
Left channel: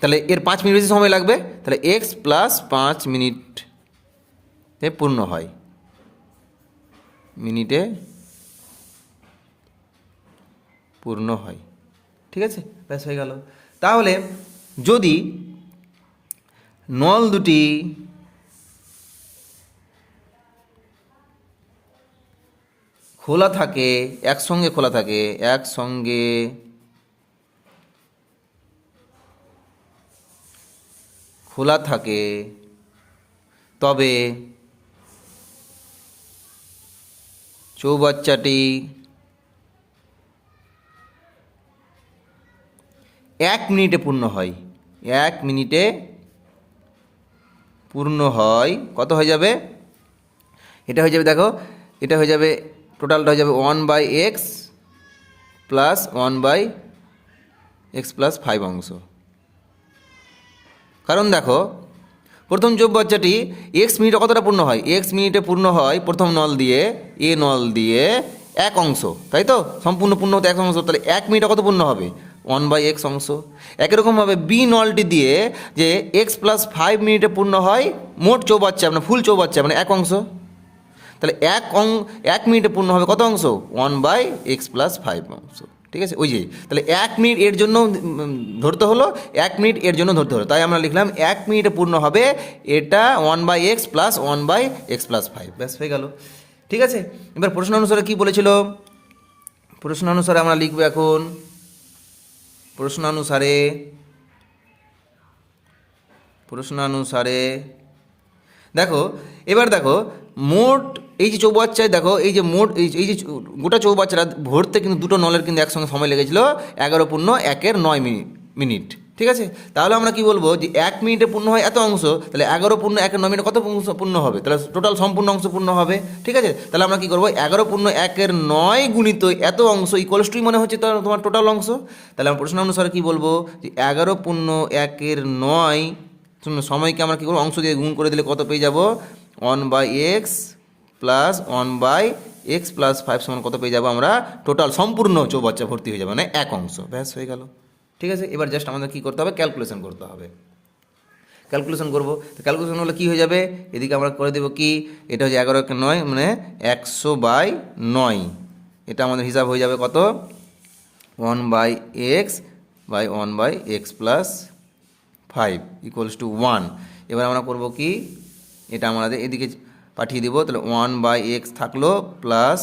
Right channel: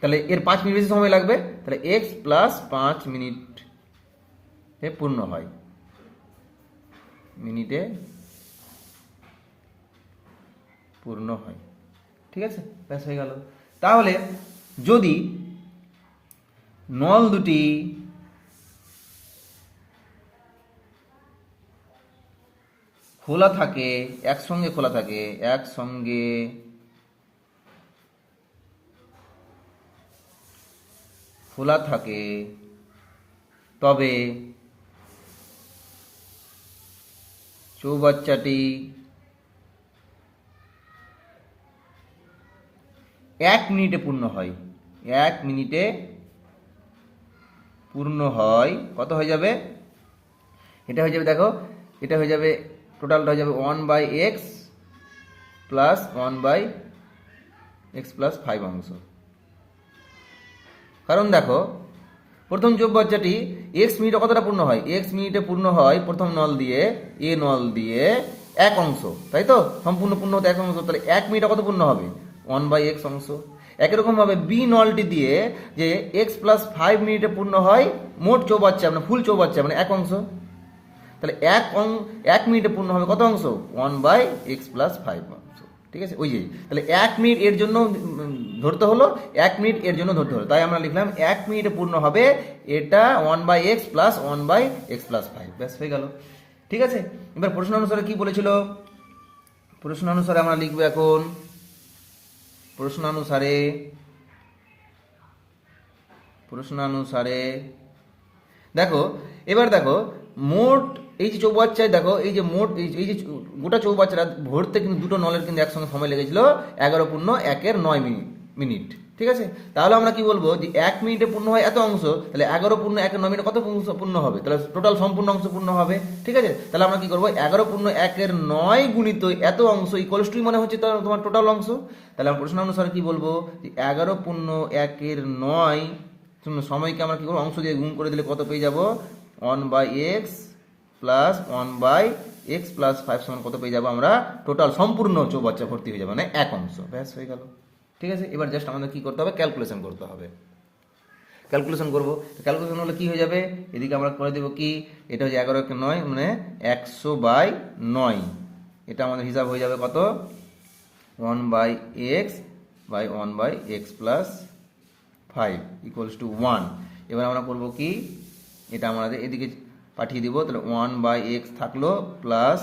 তাহলে এর 5 মিনিট বেশি সময় লাগবে, তাহলে এক্স প্লাস 5 মিনিটে পূর্ণ হয়, মিনিটে পূর্ণ হয়। ঠিক আছে, ব্যাস হয়ে গেল। তাহলে যদি নল দুটি খোলা থাকে, একসঙ্গে খোলা থাকে, একসঙ্গে খোলা থাকে, তবে চৌবাচ্চাটি 1 মিনিটে পূর্ণ হয়। 1 মিনিটে পূর্ণ হয়, কত হয়ে যাবে? এটা হয়ে যাবে, দেখো, এটা হয়ে যাবে, টোটালটা হয়ে যাবে 1/x প্লাস 1/x প্লাস 5 অংশ। কারণ দেখো, প্রথম চৌবাচ্চাটি এক্স মিনিটে কতটা পূর্ণ হয়? এক্স মিনিটে পূর্ণ হয় প্রথম নল দিয়ে, এ নল দিয়ে 1 অংশ, তাই তো? সম্পূর্ণ পূর্ণ হতে 1 অংশ, তাহলে 1 মিনিটে কত পূর্ণ হবে? 1/x অংশ। একই রকমভাবে বি নলটি দিয়ে যে এক্স প্লাস 5 মিনিটে পূর্ণ হয় মোট চৌবাচ্চা, মানে ফুল চৌবাচ্চা, মানে 1 অংশ, তাহলে 1 মিনিটে পূর্ণ হবে কত অংশ? 1/x প্লাস 5 অংশ। ঠিক আছে, ওই যে, তাহলে 1 মিনিট এর জন্য ধরতে হলো, 1 মিনিট এর জন্য ধরতে হলো, তাই আমরা লিখলাম 1 মিনিটে পূর্ণ হবে এটা 1/x প্লাস 1/x প্লাস 5, ব্যাস হয়ে গেল। ঠিক আছে, এবার প্রশ্ন অনুসারে কি বলেছিল? প্রশ্ন অনুসারে আমরা লিখবো এখন, প্রশ্নানুসারে দেখো, এবার দেখো, মোট এই যে চৌবাচ্চায় দেখো, এই যে মোট এই যে গোটা চৌবাচ্চাটা ভরতে কিন্তু দুটো নলের কিন্তু একসঙ্গে সময় লেগেছিল 11/1 মিনিট। ঠিক আছে, তাহলে আমরা কি বলবো যে 1 মিনিটে পূর্ণ হয় এত অংশ, তাহলে 11/1 কত অংশ পূর্ণ হবে? তাহলে টোটাল সম্পূর্ণ অংশ পূর্ণ হবে। ঠিক আছে, তাহলে আমরা কি করবো? 11/1 গুণিত এত অংশ ইকুয়ালস টু মনে হচ্ছে তোমার টোটাল অংশ। তাহলে আমরা প্রশ্ন অনুসারে কি বলবো যে 11/1 সময়কে আমরা কী করবো? অংশ দিয়ে গুণ করে দিলে কত পেয়ে যাব? 1/x প্লাস 1/x প্লাস 5 সমান কত পেয়ে যাবো আমরা? টোটাল সম্পূর্ণ চৌবাচ্চা ভর্তি হয়ে যাবে, মানে 1 অংশ, ব্যাস হয়ে গেল। ঠিক আছে, এবার জাস্ট আমাদের কী করতে হবে? ক্যালকুলেশন করতে হবে। ক্যালকুলেশন করবো, ক্যালকুলেশন হলে কী হয়ে যাবে? এদিকে আমরা করে দেবো কি, এটা হচ্ছে 11/9 মানে 100/9, এটা আমাদের হিসাব হয়ে যাবে কত? 1/x plus 5 equals to 1। এবার আমরা করবো কি, এটা আমাদের এদিকে পাঠিয়ে দিব, তাহলে 1/x থাকলো প্লাস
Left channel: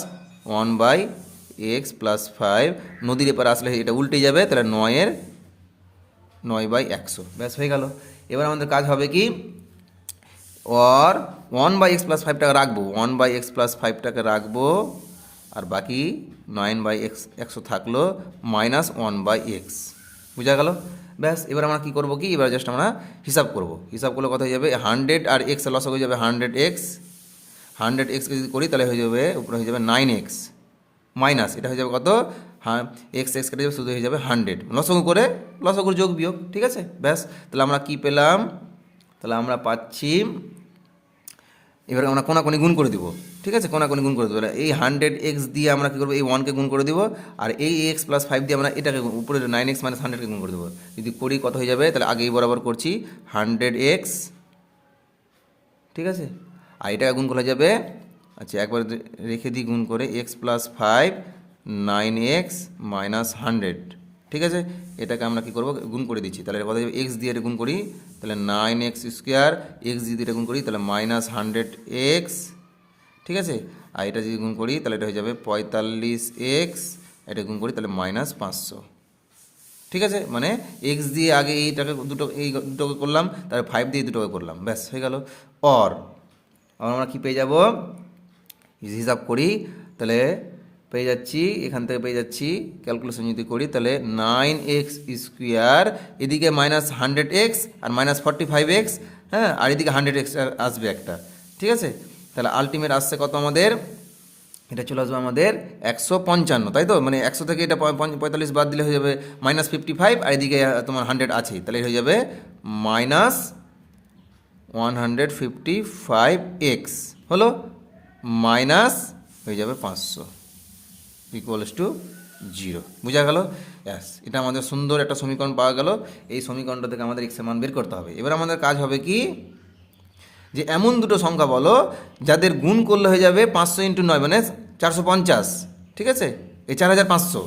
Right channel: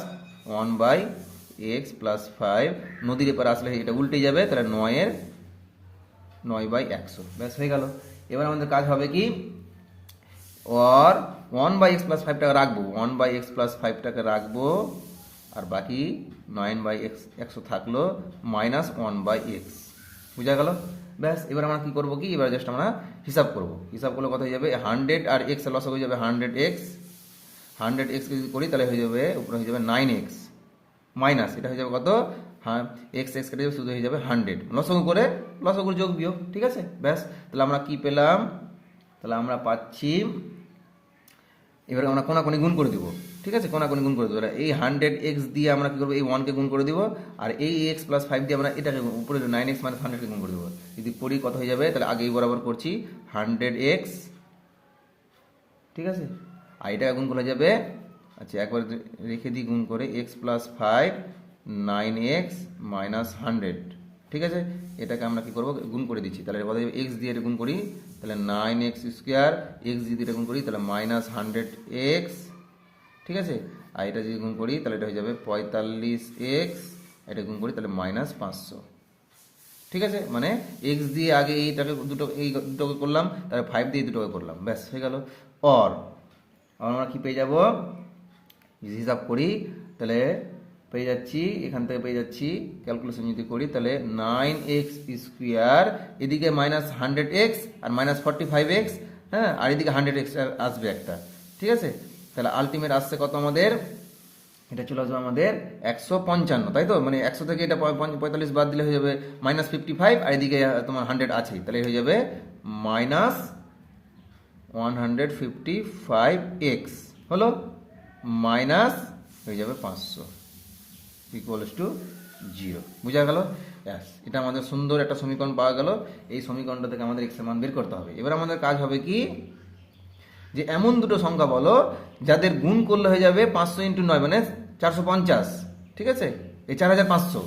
1/x প্লাস 5, নদীর এপারে আসলে এটা উল্টে যাবে, তাহলে 9/100, ব্যাস হয়ে গেল। এবার আমাদের কাজ হবে কি, আর 1/x প্লাস 5টাকে রাখবো, 1/x প্লাস 5টাকে রাখবো, আর বাকি 9/100 থাকলো মাইনাস 1/x, বুঝা গেল? ব্যাস, এবার আমরা কী করবো কি, এবার জাস্ট আমরা হিসাব করবো। হিসাব করলে কত হয়ে যাবে? 100 আর x লস হয়ে যাবে 100x যদি করি তাহলে হয়ে যাবে, উপরে হয়ে যাবে 9x মাইনাস, এটা হয়ে যাবে কত? হ্যাঁ, এক্স কেটে যাবে, শুধু হয়ে যাবে 100, লসগু করে যোগ বিয়োগ। ঠিক আছে, ব্যাস, তাহলে আমরা কি পেলাম? তাহলে আমরা পাচ্ছি, এবার আমরা কোনাকুনি গুণ করে দিব। ঠিক আছে, কোনাকুনি গুণ করে দেবো, এই 100x দিয়ে আমরা কী করবো? এই 1কে গুণ করে দিব, আর এই এক্স প্লাস 5 দিয়ে আমরা এটাকে উপরে 9x মাইনাস 100কে গুণ করে দেবো। যদি করি কত হয়ে যাবে? তাহলে আগেই বরাবর করছি 100x, ঠিক আছে, আর এটাকে গুণ করা যাবে, আচ্ছা একবার রেখে দিই গুণ করে, এক্স প্লাস 5 9x মাইনাস 100। ঠিক আছে, এটাকে আমরা কী করবো? গুণ করে দিচ্ছি, তাহলে কথা যাবে এক্স দিয়ে গুণ করি, তাহলে 9x স্কোয়ার, এক্স দিয়ে এটা গুণ করি তাহলে মাইনাস 100x। ঠিক আছে, আর এটা যদি গুণ করি তাহলে এটা হয়ে যাবে 45x, এটা গুণ করি তাহলে মাইনাস 500। ঠিক আছে, মানে এক্স দিয়ে আগে এইটাকে দুটোকে করলাম, তারপরে 5 দিয়ে দুটোকে করলাম, ব্যাস হয়ে গেল। অর আমরা কি পেয়ে যাব? হিসাব করি তাহলে পেয়ে যাচ্ছি, এখান থেকে পেয়ে যাচ্ছি, ক্যালকুলেশন যদি করি তাহলে 9x স্কোয়ার, এদিকে মাইনাস 100x আর মাইনাস 45x, হ্যাঁ, আর এদিকে 100x আসবে একটা। ঠিক আছে, তাহলে আলটিমেট আসছে কত আমাদের? এটা চলে আসবে আমাদের 155, তাই তো? মানে 100 থেকে এটা 45 বাদ দিলে হয়ে যাবে মাইনাস 55, আর এদিকে তোমার 100 আছে, তাহলে হয়ে যাবে মাইনাস 155x হলো মাইনাস হয়ে যাবে 500 ইকুয়ালস টু 0। বুঝা গেল? ব্যাস, এটা আমাদের সুন্দর একটা সমীকরণ পাওয়া গেল। এই সমীকরণটা থেকে আমাদের এক্সের মান বের করতে হবে। এবার আমাদের কাজ হবে কি, যে এমন দুটো সংখ্যা বলো যাদের গুণ করলে হয়ে যাবে 500 ইন্টু 9 মানে 450, ঠিক আছে, এই 4500,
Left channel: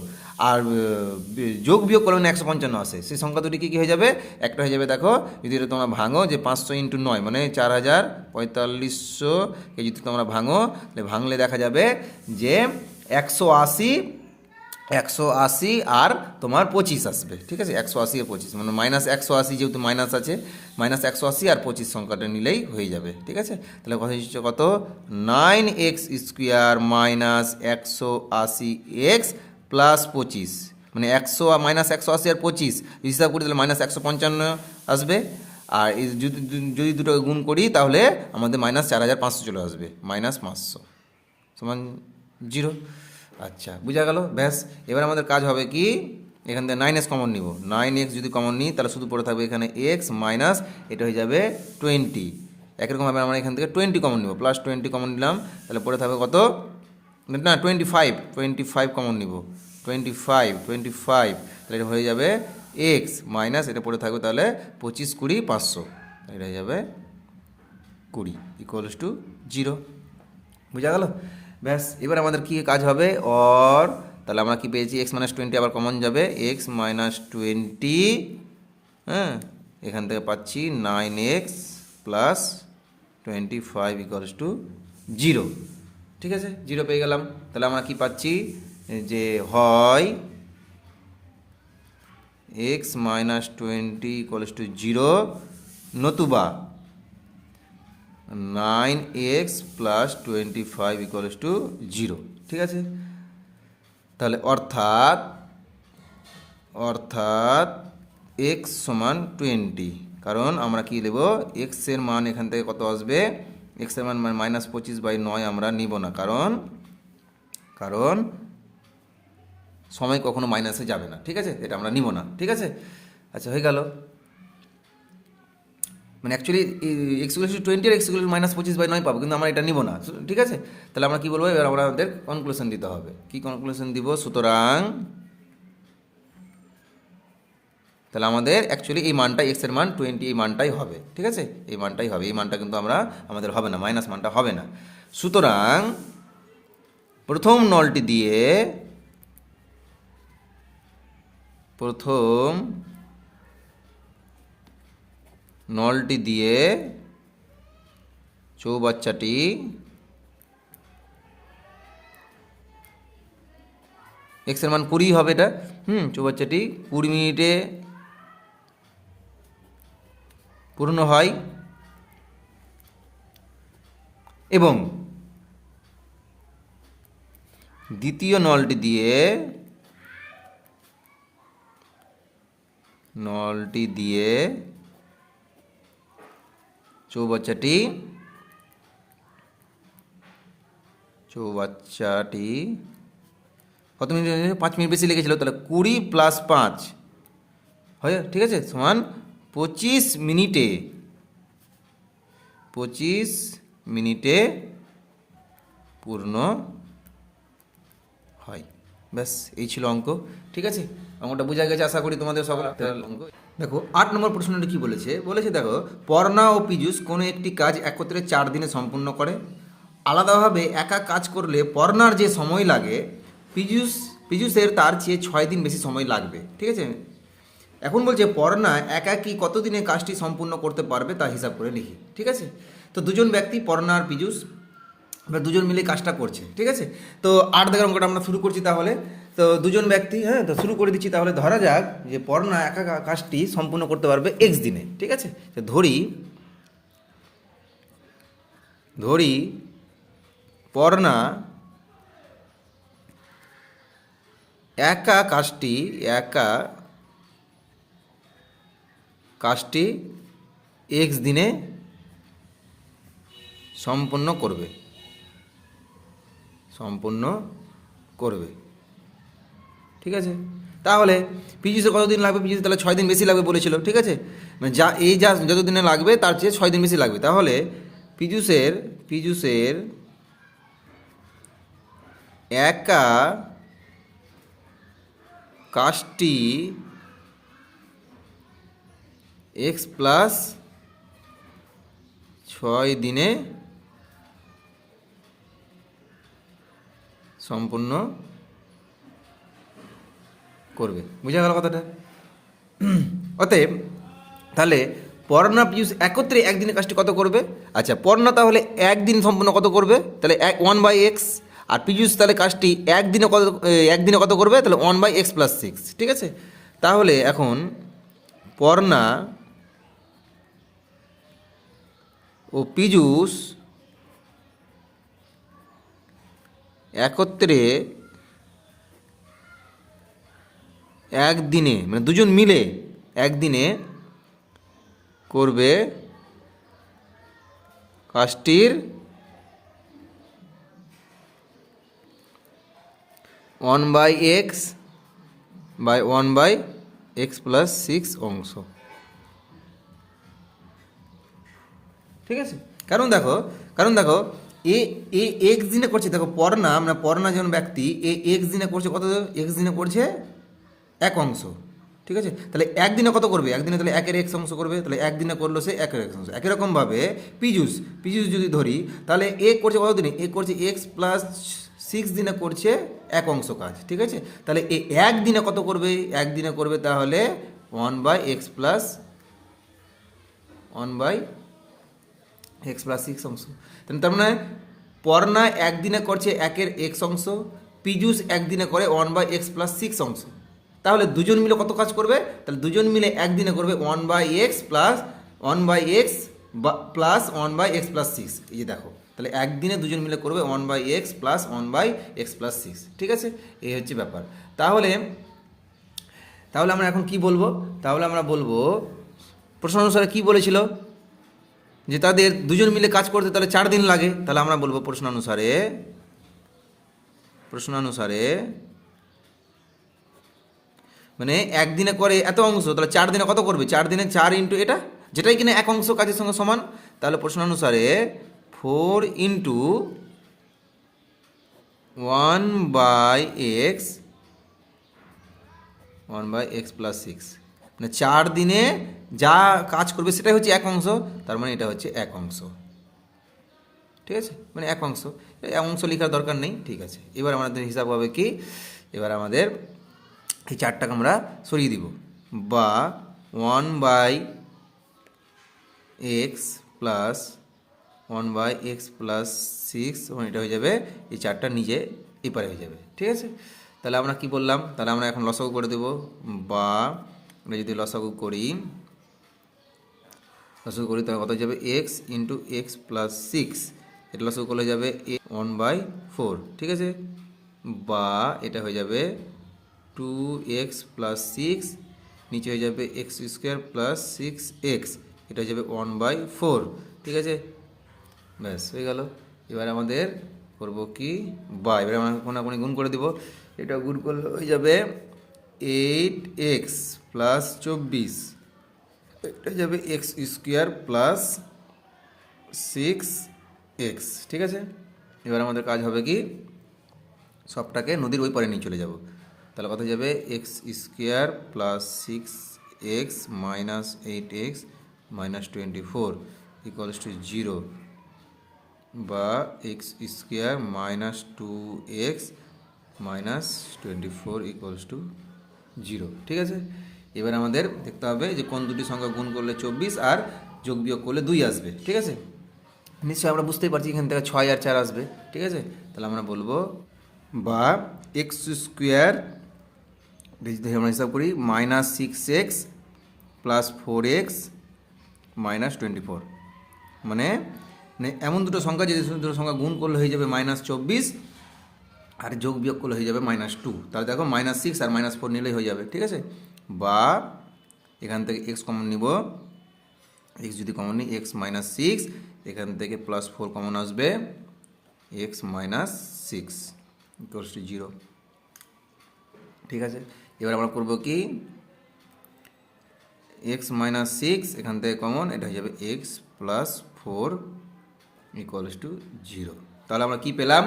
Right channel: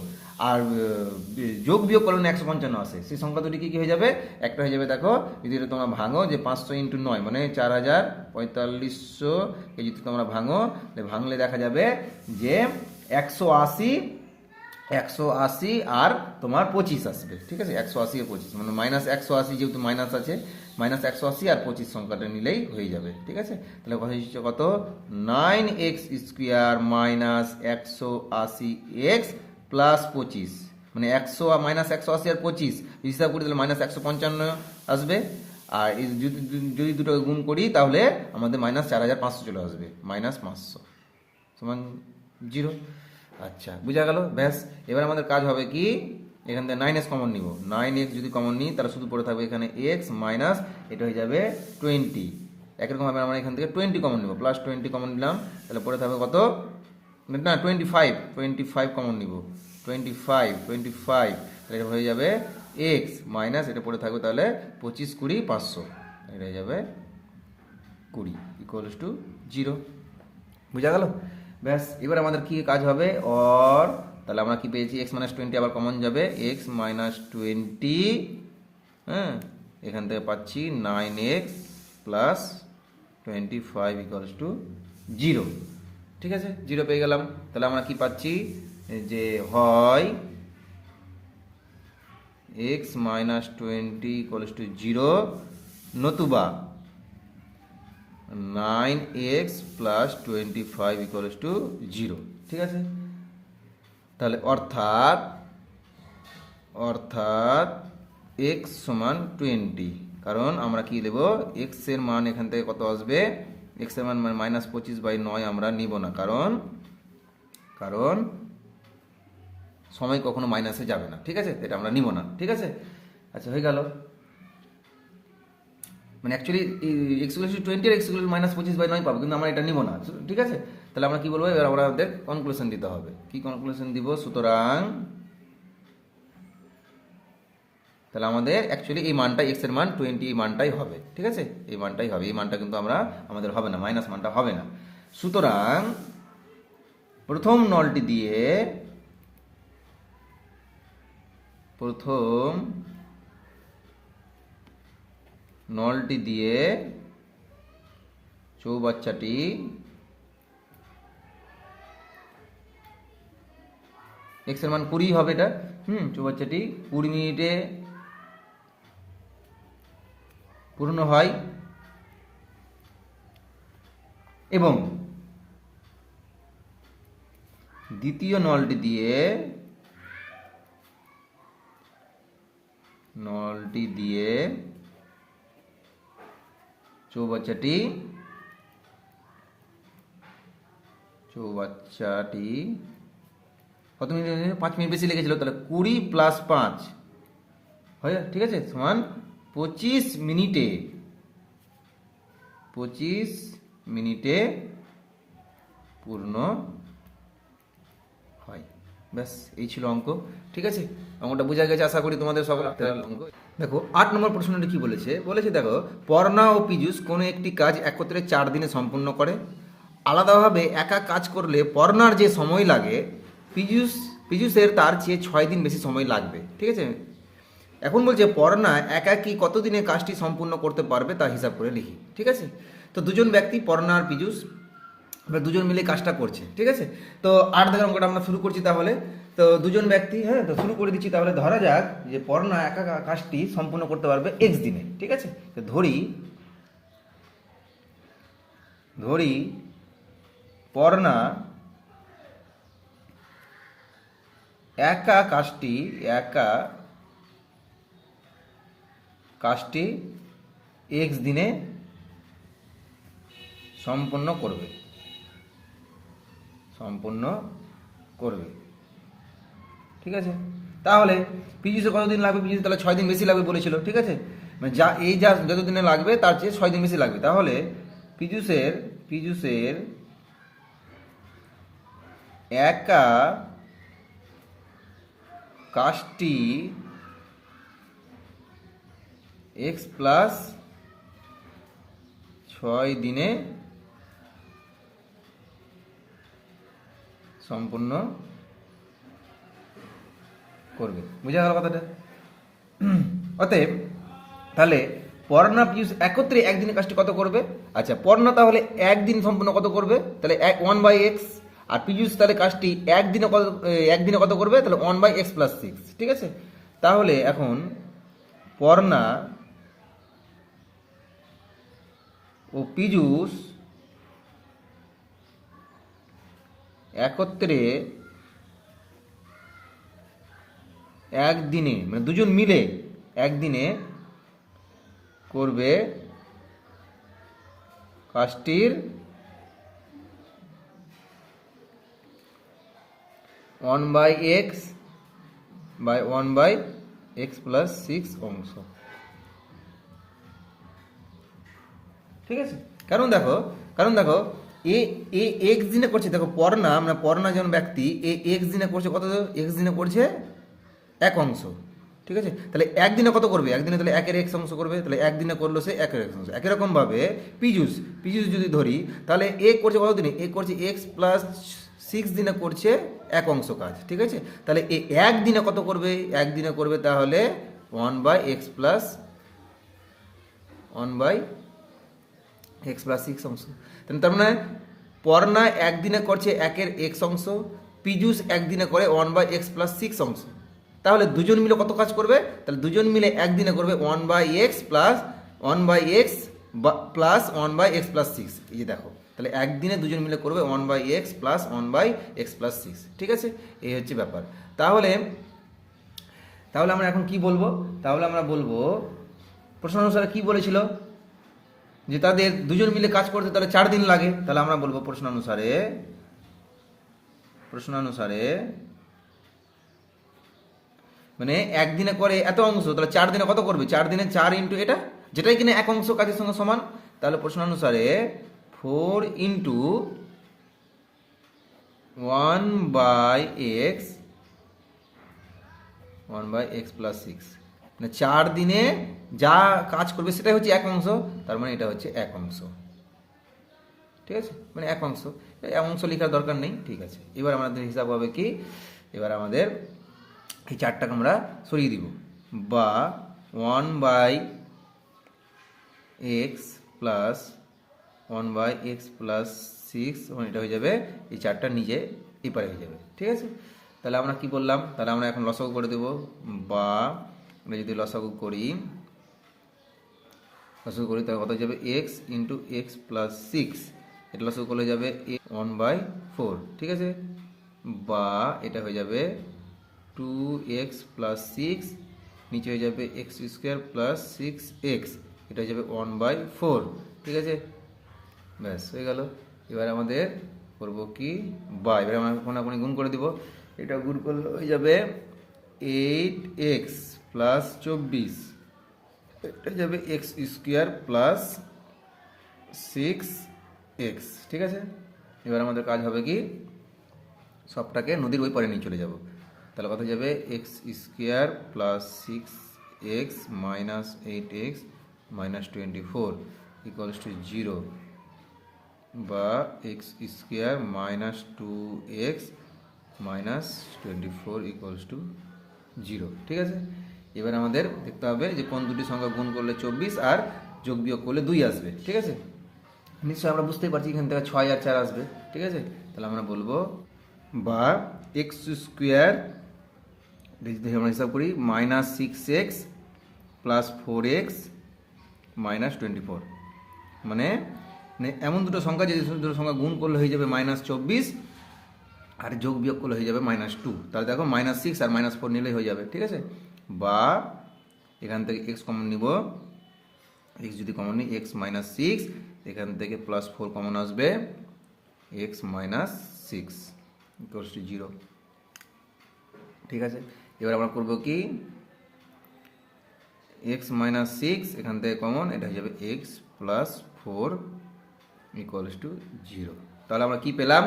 আর যোগ বিয়োগ করলে 155 আসে, সেই সংখ্যা দুটি কী কী হয়ে যাবে? একটা হয়ে যাবে, দেখো যদি এটা তোমরা ভাঙো, যে 500 ইন্টু 9 মানে 4450, এই যদি তোমরা ভাঙো, তাহলে ভাঙলে দেখা যাবে যে 180 আর তোমার 25 আসবে, ঠিক আছে, 180 আর 25 মানে মাইনাস 180, যেহেতু মাইনাস আছে, মাইনাস 180 আর 25 সংখ্যাটা নিলেই হয়ে যাবে, ঠিক আছে। তাহলে কথা হচ্ছে কত? 9x square minus 180x plus 25, মানে 100 আর মাইনাস 180 আর 25 হিসাব করি তাহলে মাইনাস 155 আসবে। আর এই যদি দুটোকে গুণ করি তাহলে আমাদের মাইনাস 4500 চলে আসবে, মাইনাস 500 সমান 0। আচ্ছা, বোঝা গেল? ব্যাস, এবার আমাদের কাজ হবে কি, এখান থেকে 9x কমন নিব। 9x যদি কমন নিই তাহলে শুধু পড়ে থাকবে এখানে x মাইনাস এটা হয়ে যাবে 20। একরকমভাবে আমরা এখান থেকে 20 কমন নিব, প্লাস 20 কমন নিলাম, তাহলে পড়ে থাকবে কত? না, 25 কমন নিব, 25 তাহলে এটা হয়ে যাবে x মাইনাস এটা পড়ে থাকবে তাহলে 25 20 500, এটা হয়ে যাবে 20 ইকুয়ালস টু 0। বোঝা গেল? ব্যাস, এবার আমাদের কী কাজ হবে? অর তাহলে আমরা কি পেয়েছি? x মাইনাস 20 আবার কমন যাবে, x মাইনাস 20, হ্যাঁ, এখান থেকে পাচ্ছি 9x প্লাস 25 ইকুয়ালস টু 0, ঠিক আছে, 0 পেয়ে গেলাম। তাহলে আমরা কি পাচ্ছি? যে হয় x মাইনাস 20 ইকুয়ালস টু 0, নতুবা 9x প্লাস 25 ইকুয়ালস টু 0, ঠিক আছে। তাহলে অর্থাৎ x সমান 20, কারণ আমরা কি নেব? x এর মান এখান থেকে কত আসবে? x এর মান মাইনাস 25/9 আমরা নিব না, কারণ সময় কখনো মাইনাসে যাবে না, ঠিক আছে, এটা আমরা নিব না, ঠিক আছে। আচ্ছা, হয়ে গেল, মানে অ্যাকচুয়ালি x ইকুয়াল টু 20 আর x ইকুয়াল টু মাইনাস 25/9 পাবো, কিন্তু আমরা এটা নিব না, ঠিক আছে। তাহলে আমরা কি বলবো? এবার আমাদের কনক্লুশন দিতে হবে। কি কনক্লুশন দিব? সুতরাং তাহলে আমাদের অ্যাকচুয়ালি এই মানটা, x এর মান 20, এই মানটাই হবে, ঠিক আছে, এই মানটাই হবে, এই মানটা কিন্তু আমাদের হবে না, মাইনাস মানটা হবে না। সুতরাং প্রথম নলটি দিয়ে চৌবাচ্চাটি x এর মান 20 হবে, এটা চৌবাচ্চাটি 20 মিনিটে পূর্ণ হয়, এবং দ্বিতীয় নলটি দিয়ে চৌবাচ্চাটি 5 মিনিট বেশি লেগেছিল, তাহলে 20 প্লাস 5 হয়, ঠিক আছে, সমান 25 মিনিটে পূর্ণ হয়। ব্যাস, এই ছিল অঙ্ক, ঠিক আছে। অঙ্কটা বোঝা গেছে আশা করি তোমাদের সকল। অঙ্ক দেখো 8 নম্বর প্রশ্নটি কি বলেছে দেখো, পর্ণা ও পীযূষ কোনো একটি কাজ একত্রে 4 দিনে সম্পূর্ণ করে। আলাদাভাবে একা কাজ করলে পর্ণার যে সময় লাগে পীযূষের তার চেয়ে 6 দিন বেশি সময় লাগবে, ঠিক আছে। এখন বলছে পর্ণা একাকী কত দিনে কাজটি সম্পূর্ণ করতে পারবে তা হিসাব করে লিখি, ঠিক আছে। তো দুজন ব্যক্তি, পর্ণা আর পীযূষ, এবার দুজন মিলে কাজটা করছে, ঠিক আছে। তো 8 দাগের অঙ্কটা আমরা শুরু করছি তাহলে। তো দুজন ব্যক্তি, হ্যাঁ, তো শুরু করে দিচ্ছি তাহলে। ধরা যাক যে পর্ণা একা কাজটি সম্পূর্ণ করতে পারবে x দিনে, ঠিক আছে। তো ধরি পর্ণা একা কাজটি x দিনে সম্পূর্ণ করবে, ঠিক আছে। তাহলে পিজিসে কতদিন লাগবে? পিজিসে তাহলে 6 দিন বেশি লাগবে বলেছিল, ঠিক আছে, মানে যা যত দিনে লাগবে তার চেয়ে 6 দিন বেশি লাগবে। তাহলে পিজুসের একা কাজটি এক্স প্লাস 6 দিনে সম্পূর্ণ করবে। বুঝা গেল কথাটা? অতএব তাহলে পর্ণা পিউষ একত্রে একদিনের কাজটি কত করবে? আচ্ছা, পর্ণা তাহলে একদিন সম্পূর্ণ কত করবে? তাহলে 1/x, আর পিজুস তাহলে কাজটি একদিনে কত করবে? তাহলে 1/x প্লাস 6, ঠিক আছে। তাহলে এখন পর্ণা ও পিজুস একত্রে একদিনে, মানে দুজন মিলে একদিনে করবে কাজটির 1/x বাই 1/x প্লাস 6 অংশ, ঠিক আছে। কারণ দেখো এ এক্স দিনে করছে, দেখো পর্ণা, মানে পর্ণা জন ব্যক্তি এক্স দিনে করছে কত? এক্স দিনে করছে এক অংশ, ঠিক আছে। তাহলে একদিনে কত করবে? একদিনে তাহলে একের এক্স অংশ করবে, তাহলে একদিনে করলো সে একের এক্স অংশ। একই রকমভাবে পিজুস যদি ধরি, তাহলে এ করছে কত দিনে? এ করছে এক্স প্লাস 6 দিনে করছে এক অংশ কাজ, ঠিক আছে। তাহলে এ একদিনে কত করবে? একদিনে করবে তাহলে 1/x প্লাস 6 অংশ। তার মানে পর্ণা একদিনে করছে একের এক্স অংশ, পিজুস একদিনে করে 1/x প্লাস 6 অংশ। তাহলে দুজন মিলে কত কাজ করবে? তাহলে দুজন মিলে একদিনে করবে 1/x plus 1/x plus 1/x plus 6। এই যে দেখো, তাহলে একদিনে দুজন মিলে করবে 1/x প্লাস 1/x প্লাস 6, ঠিক আছে। এই হচ্ছে ব্যাপার। তাহলে আমরা এখন কি বলবো? তাহলে আমরা বলবো প্রশ্ন অনুসারে কি বলেছিল যে তাদের দুজন মিলে কাজ করতে তাহলে 4 দিন লাগে। তাহলে আমরা বলবো প্রশ্ন অনুসারে মানে একদিনে করে এত অংশ, তাহলে 4 দিনে কত করবে? 4 দিনে 4 ইন্টু এটা, যেটাই কিনা এক অংশ কাজের সঙ্গে সমান। তাহলে প্রশ্ন অনুসারে 4 ইন্টু 1/x প্লাস 6, মানে 4 দিনে যা কাজ করবে সেটাই হচ্ছে এক অংশ, তার মানে এটা হচ্ছে এক অংশ, ঠিক আছে, মানে এক অংশ। অংশ লেখার দরকার নেই, ঠিক আছে। এবার আমাদের হিসাব হবে কি? এবার আমাদের এই 4টাকে আমরা সরিয়ে দিব, বা 1/x প্লাস 1/x প্লাস 6, মানে এটা হয়ে যাবে এই 4টা নিজে এপারে হয়ে যাবে, ঠিক আছে। তাহলে আমরা কি বললাম? তাহলে আমরা এখন লসাগু করে দেব, বা আমরা যদি লসাগু করি তাহলে কত হয়ে যাবে? x ইন্টু এক্স প্লাস 6, এটা লসাগু করলে যাবে 1/4, ঠিক আছে। বা এটা হয়ে যাবে 2x প্লাস 6, নিচে হয়ে যাবে এক্স স্কোয়ার প্লাস 6x, এটা হয়ে যাবে 1/4, ঠিক আছে। ব্যাস হয়ে গেল। এবার আমাদের করব কি? বা এবার আমরা কোনাকুনি গুণ করে দেব। এটা গুণ করলে হয়ে যাবে 8x প্লাস 24, এটা হয়ে যাবে এক্স স্কোয়ার প্লাস 6x, ঠিক আছে। এবার আমাদের কাজ হবে কি? সবটাকে নদীর ওই পারে নিয়ে চলে যাব। তাহলে কত যাবে? X square plus 6x minus 8x minus 24 equals to 0, বা x square minus 2x minus 24 equals to 0, ঠিক আছে। এবার আমাদের দেখতে হবে যে কোন দুটি সংখ্যা গুণ করলে 24 আর যোগ বিয়োগ করলে 2 আসবে, ঠিক আছে। নিশ্চয়ই আমরা বুঝতেই পারছি এখান থেকে 6 আর 4 আসবে, ঠিক আছে। তাহলে আমরা বলবো বা এক্স স্কোয়ার যদি আমরা হিসাব করি minus 6x plus 4x minus 24, মানে এমন দুটো সংখ্যা, যদি দুটো সংখ্যা গুণ করলে হয়ে যাবে -24 আর যোগ বিয়োগ করলে হয়ে যাবে -2। তাহলে দেখো -6 আর -4 নিলেই হয়ে যাবে, ঠিক আছে। বা এখান থেকে x কমন নিব, x যদি কমন নিই x -6, এখান থেকে +4 কমন আসবে x -6 ইকুয়ালস টু 0, ঠিক আছে। এবার আমরা করব কি, এক্স মাইনাস সিক্স এখান থেকে কমন, এটা হয়ে যাবে x plus four equals to zero. তাহলে আমরা কি পেলাম,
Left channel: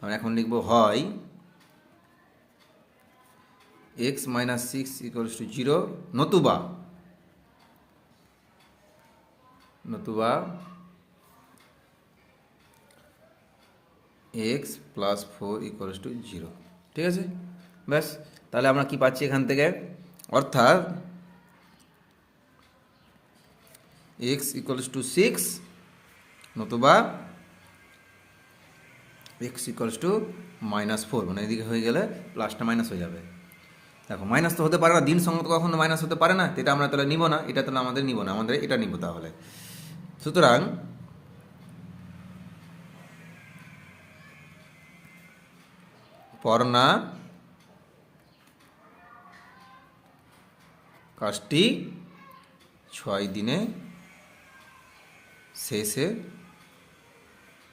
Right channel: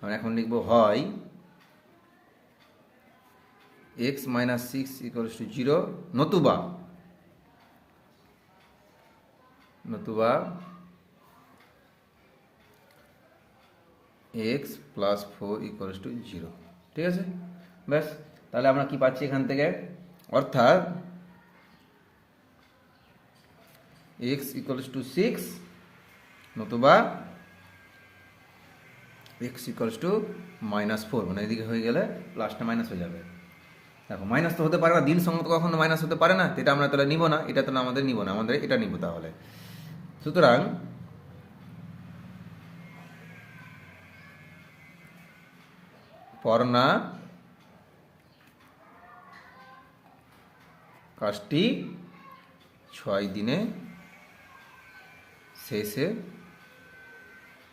আমরা এখন লিখবো হয় x minus six equals to zero, নতুবা x plus four equals to zero. ঠিক আছে, ব্যাস। তাহলে আমরা কি পাচ্ছি এখান থেকে, অর্থাৎ এক্স ইকুয়ালস টু সিক্স নতুবা x equals to minus four, মানে এদিকে হয়ে গেলে প্লাসটা মাইনাস হয়ে যাবে। দেখো মাইনাস তো হতে পারে না, দিন সঙ্গে তো কখনো মাইনাস হতে পারে না, এটা আমরা তাহলে নিব না, এটা তাহলে আমাদের নিব না, আমাদের এটা নিব। তাহলে সুতরাং পড়না কাজটি 6 দিনে শেষে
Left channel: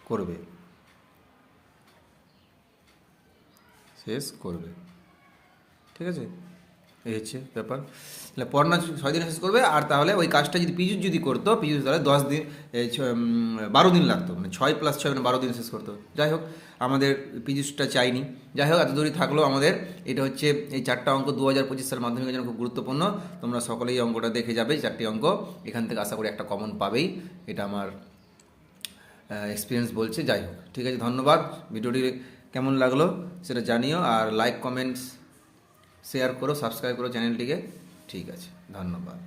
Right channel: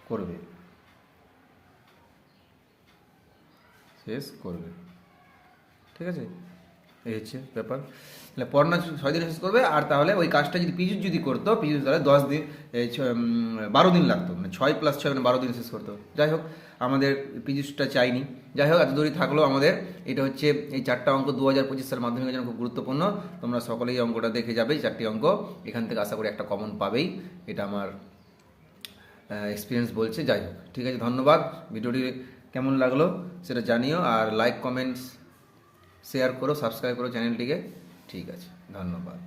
করবে, শেষ করবে। ঠিক আছে, এই হচ্ছে ব্যাপার। তাহলে পড়না 6 দিনে শেষ করবে, আর তাহলে ওই কাজটা যদি পিজুস যদি করতো, পিজুস তাহলে 10 দিন 12 দিন লাগতো, মানে 6 + 6 মানে 12 দিন শেষ করতো। যাই হোক, আমাদের পিজুসটা চাইনি। যাই হোক, এত দূরই থাকলো আমাদের। এটা হচ্ছে এই 4টা অঙ্ক 2025 সাল মাধ্যমিকের জন্য খুব গুরুত্বপূর্ণ। তোমরা সকলেই অঙ্কটা দেখে যাবে, 4টি অঙ্ক। এখান থেকে আশা করি একটা কমন পাবেই, এটা আমার এক্সপিরিয়েন্স বলছে। যাই হোক, ঠিক আছে, ধন্যবাদ। ভিডিওটি কেমন লাগলো সেটা জানিও, আর লাইক কমেন্টস শেয়ার করো, সাবস্ক্রাইব করো চ্যানেলটিকে। ঠিক আছে, ধন্যবাদ।